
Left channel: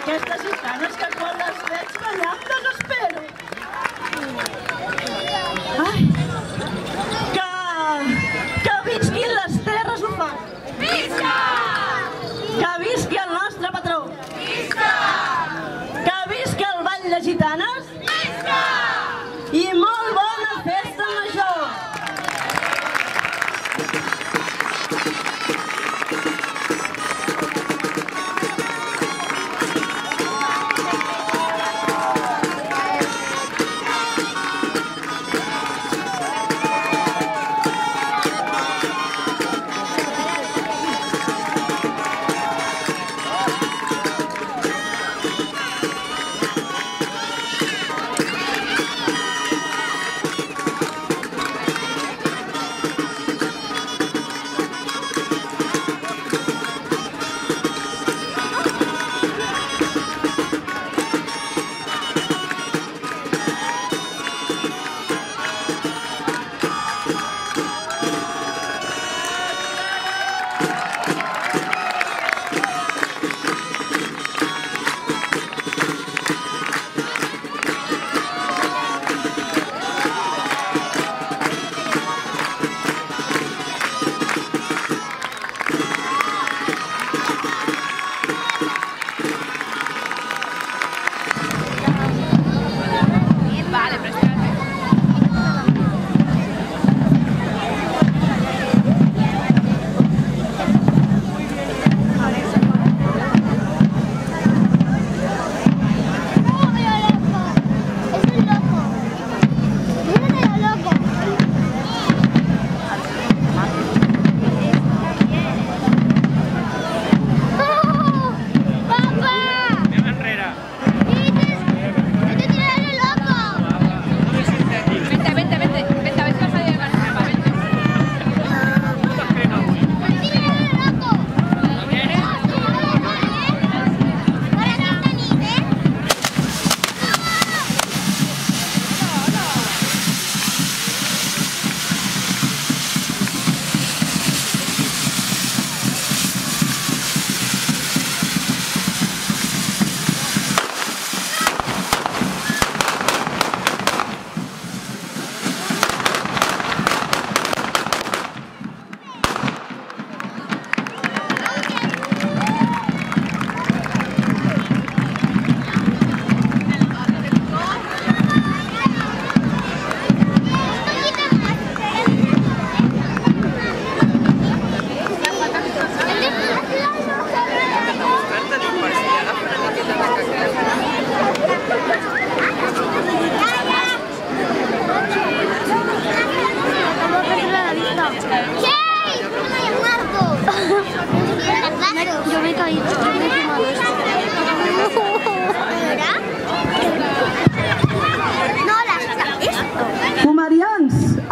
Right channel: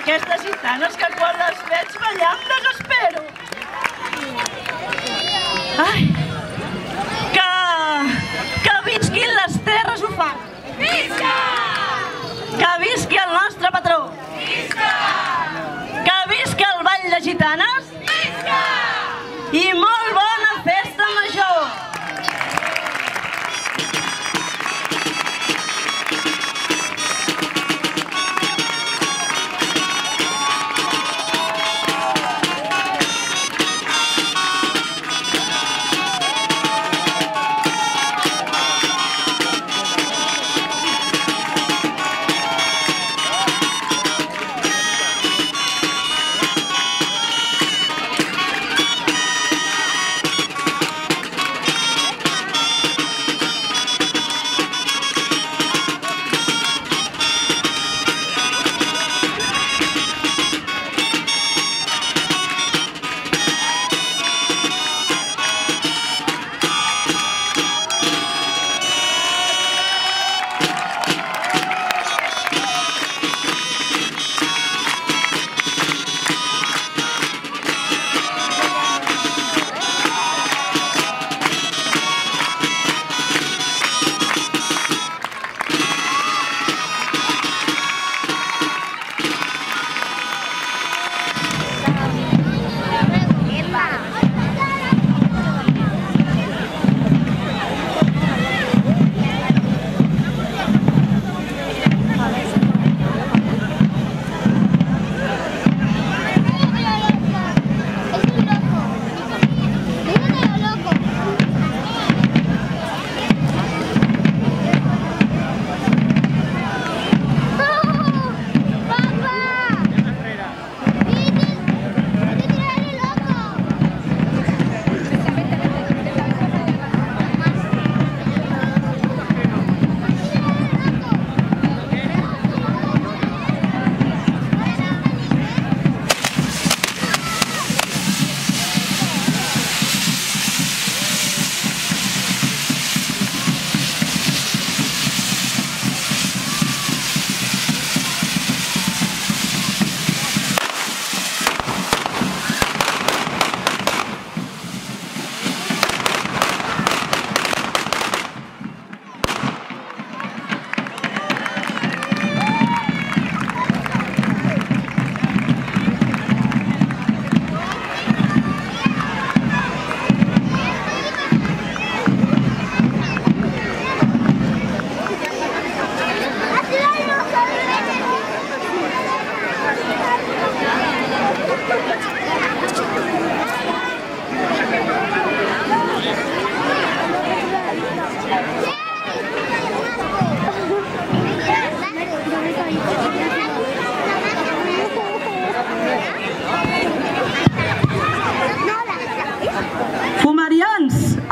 Aquestes gitanes que quan les veig ballar em desespero. Ai, que visquin les terres humanes. Visca! Que visqui el nostre patró. Visca! Que visqui el ball de gitanes. Visca! I molt bona festa major.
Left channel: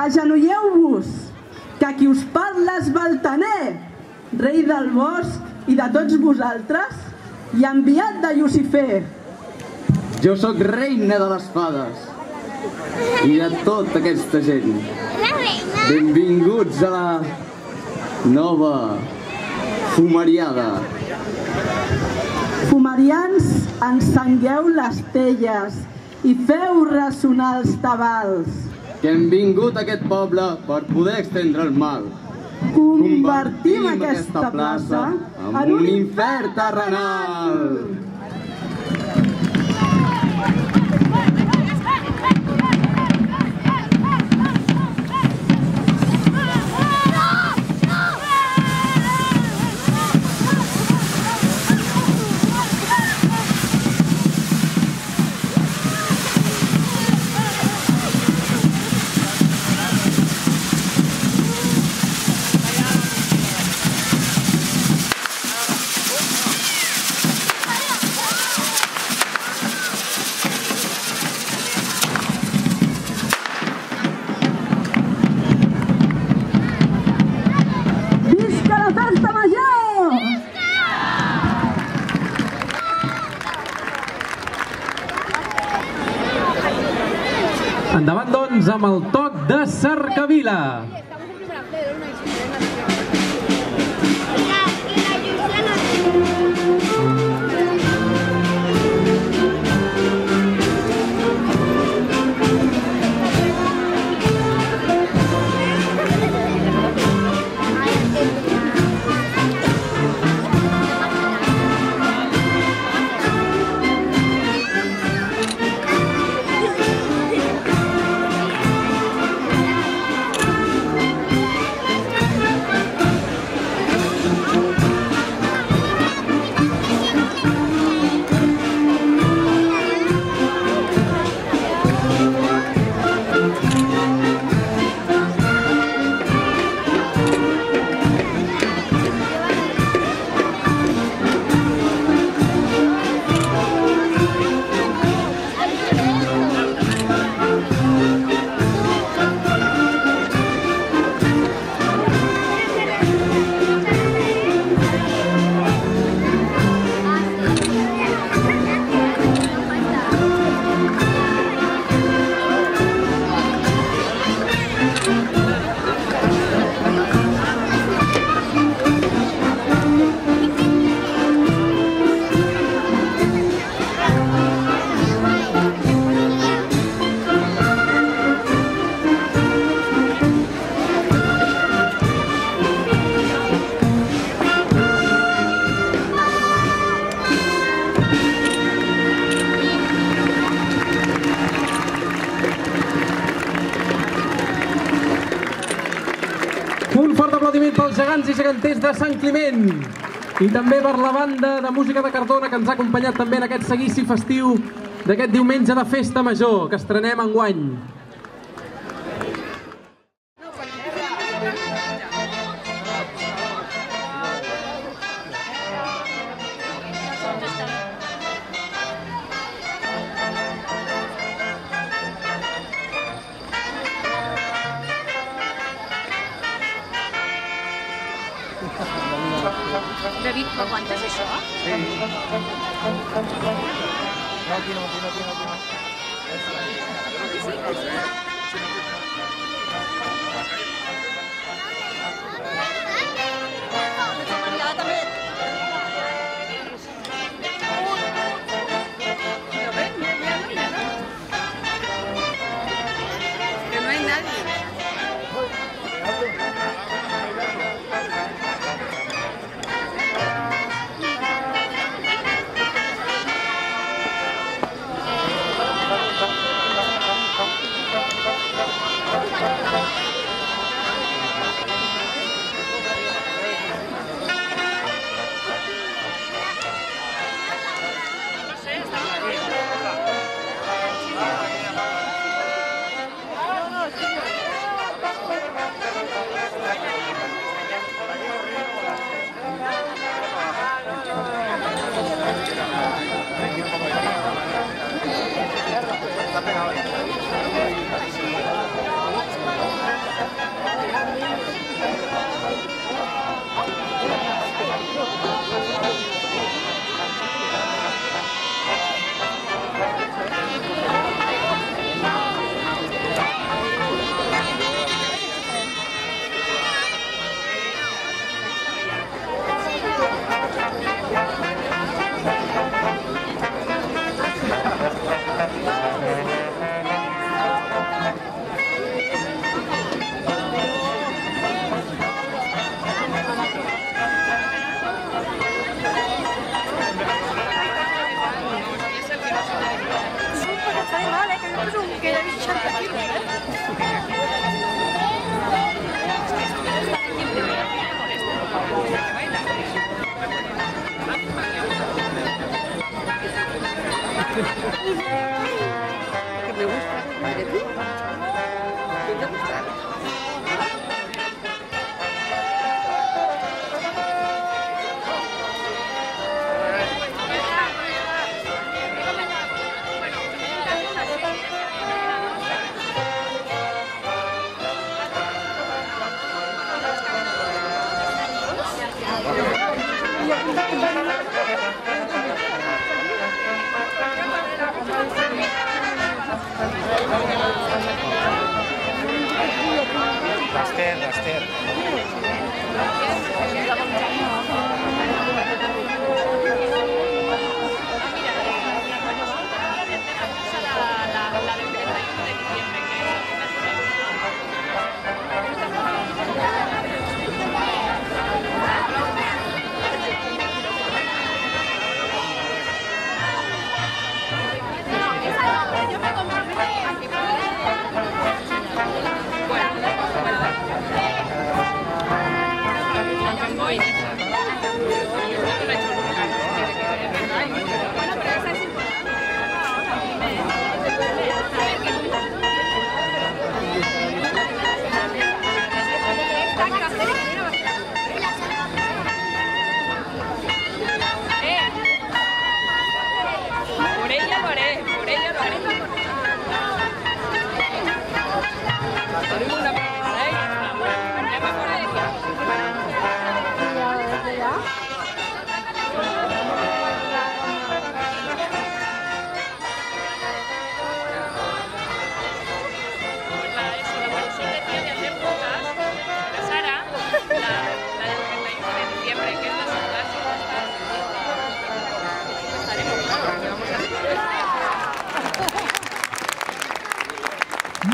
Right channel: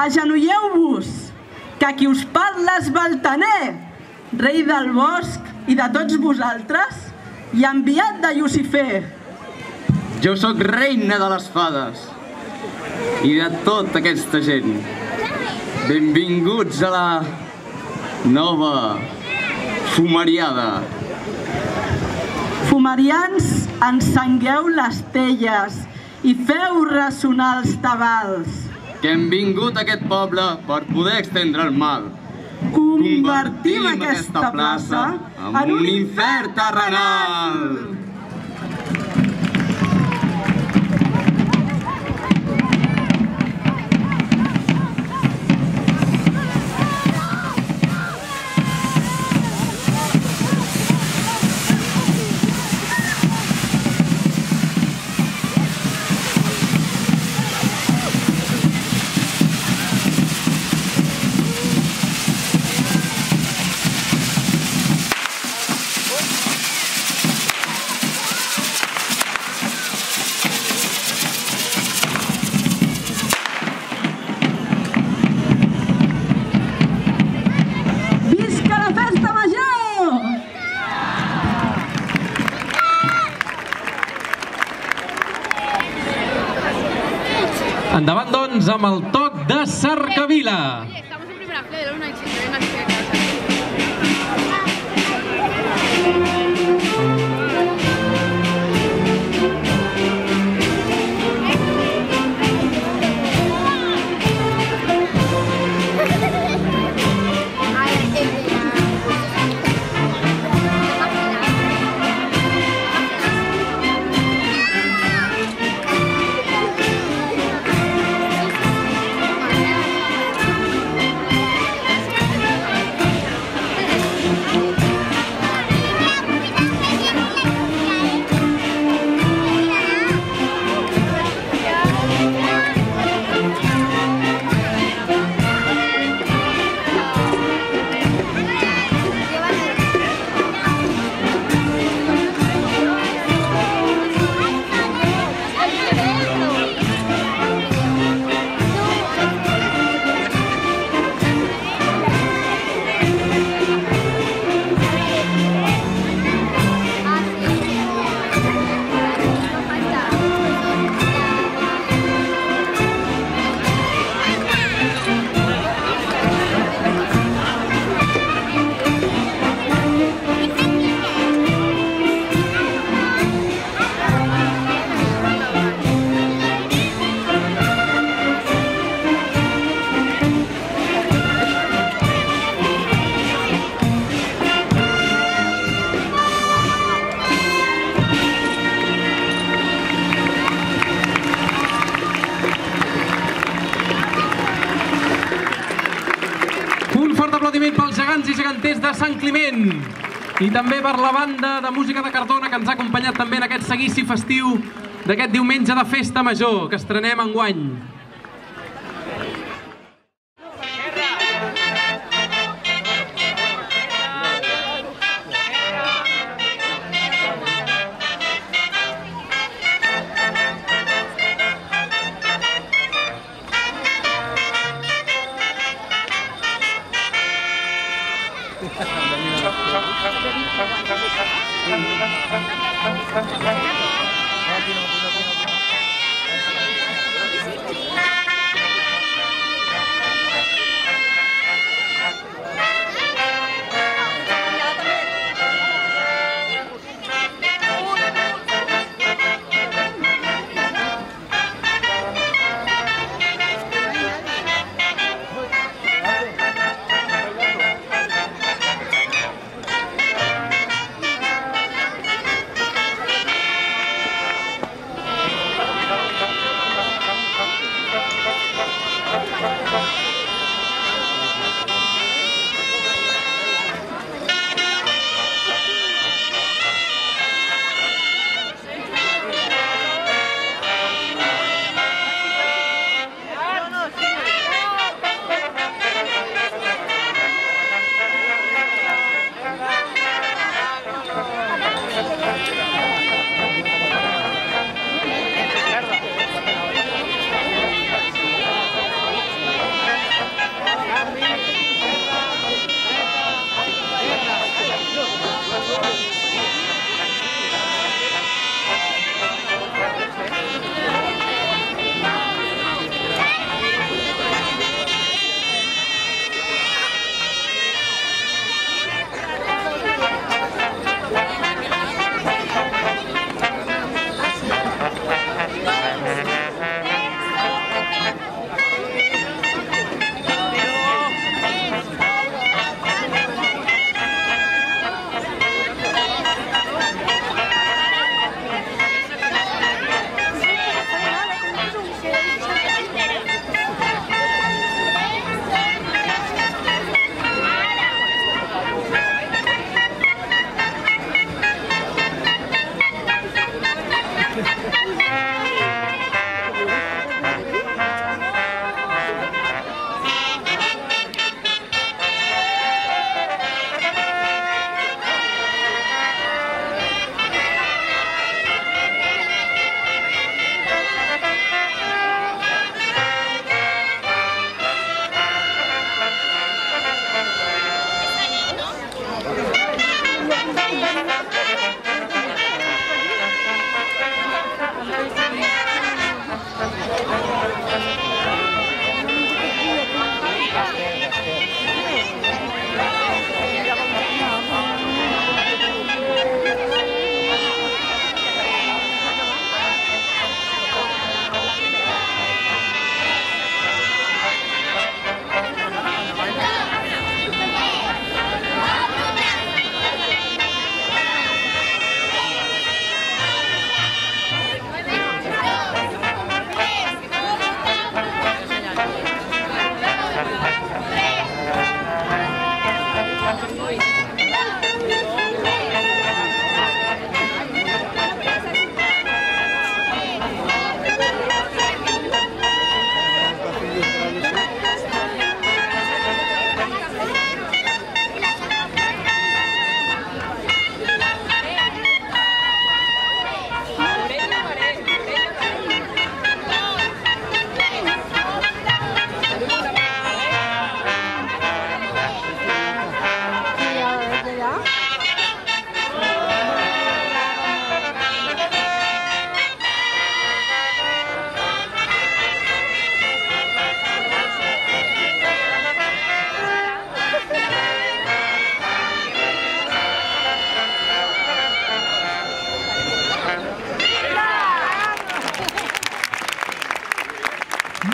agenolleu-vos, que qui us parla és Baltaner, rei del bosc i de tots vosaltres, i enviat de Llucifer. Jo sóc reina de les fades i de tota aquesta gent. Benvinguts a la nova fumariada. Fumarians, encengueu les telles i feu ressonar els tabals. Que hem vingut a aquest poble per poder estendre el mal. Convertim aquesta plaça en un infern terrenal. Endavant, doncs, amb el toc de Cercavila. Pels gegants i geganters de Sant Climent i també per la banda de música de Cardona que ens ha acompanyat també en aquest seguici festiu d'aquest diumenge de Festa Major que estrenem enguany.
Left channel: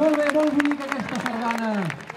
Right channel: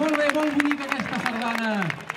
Molt bé, molt bonica aquesta sardana.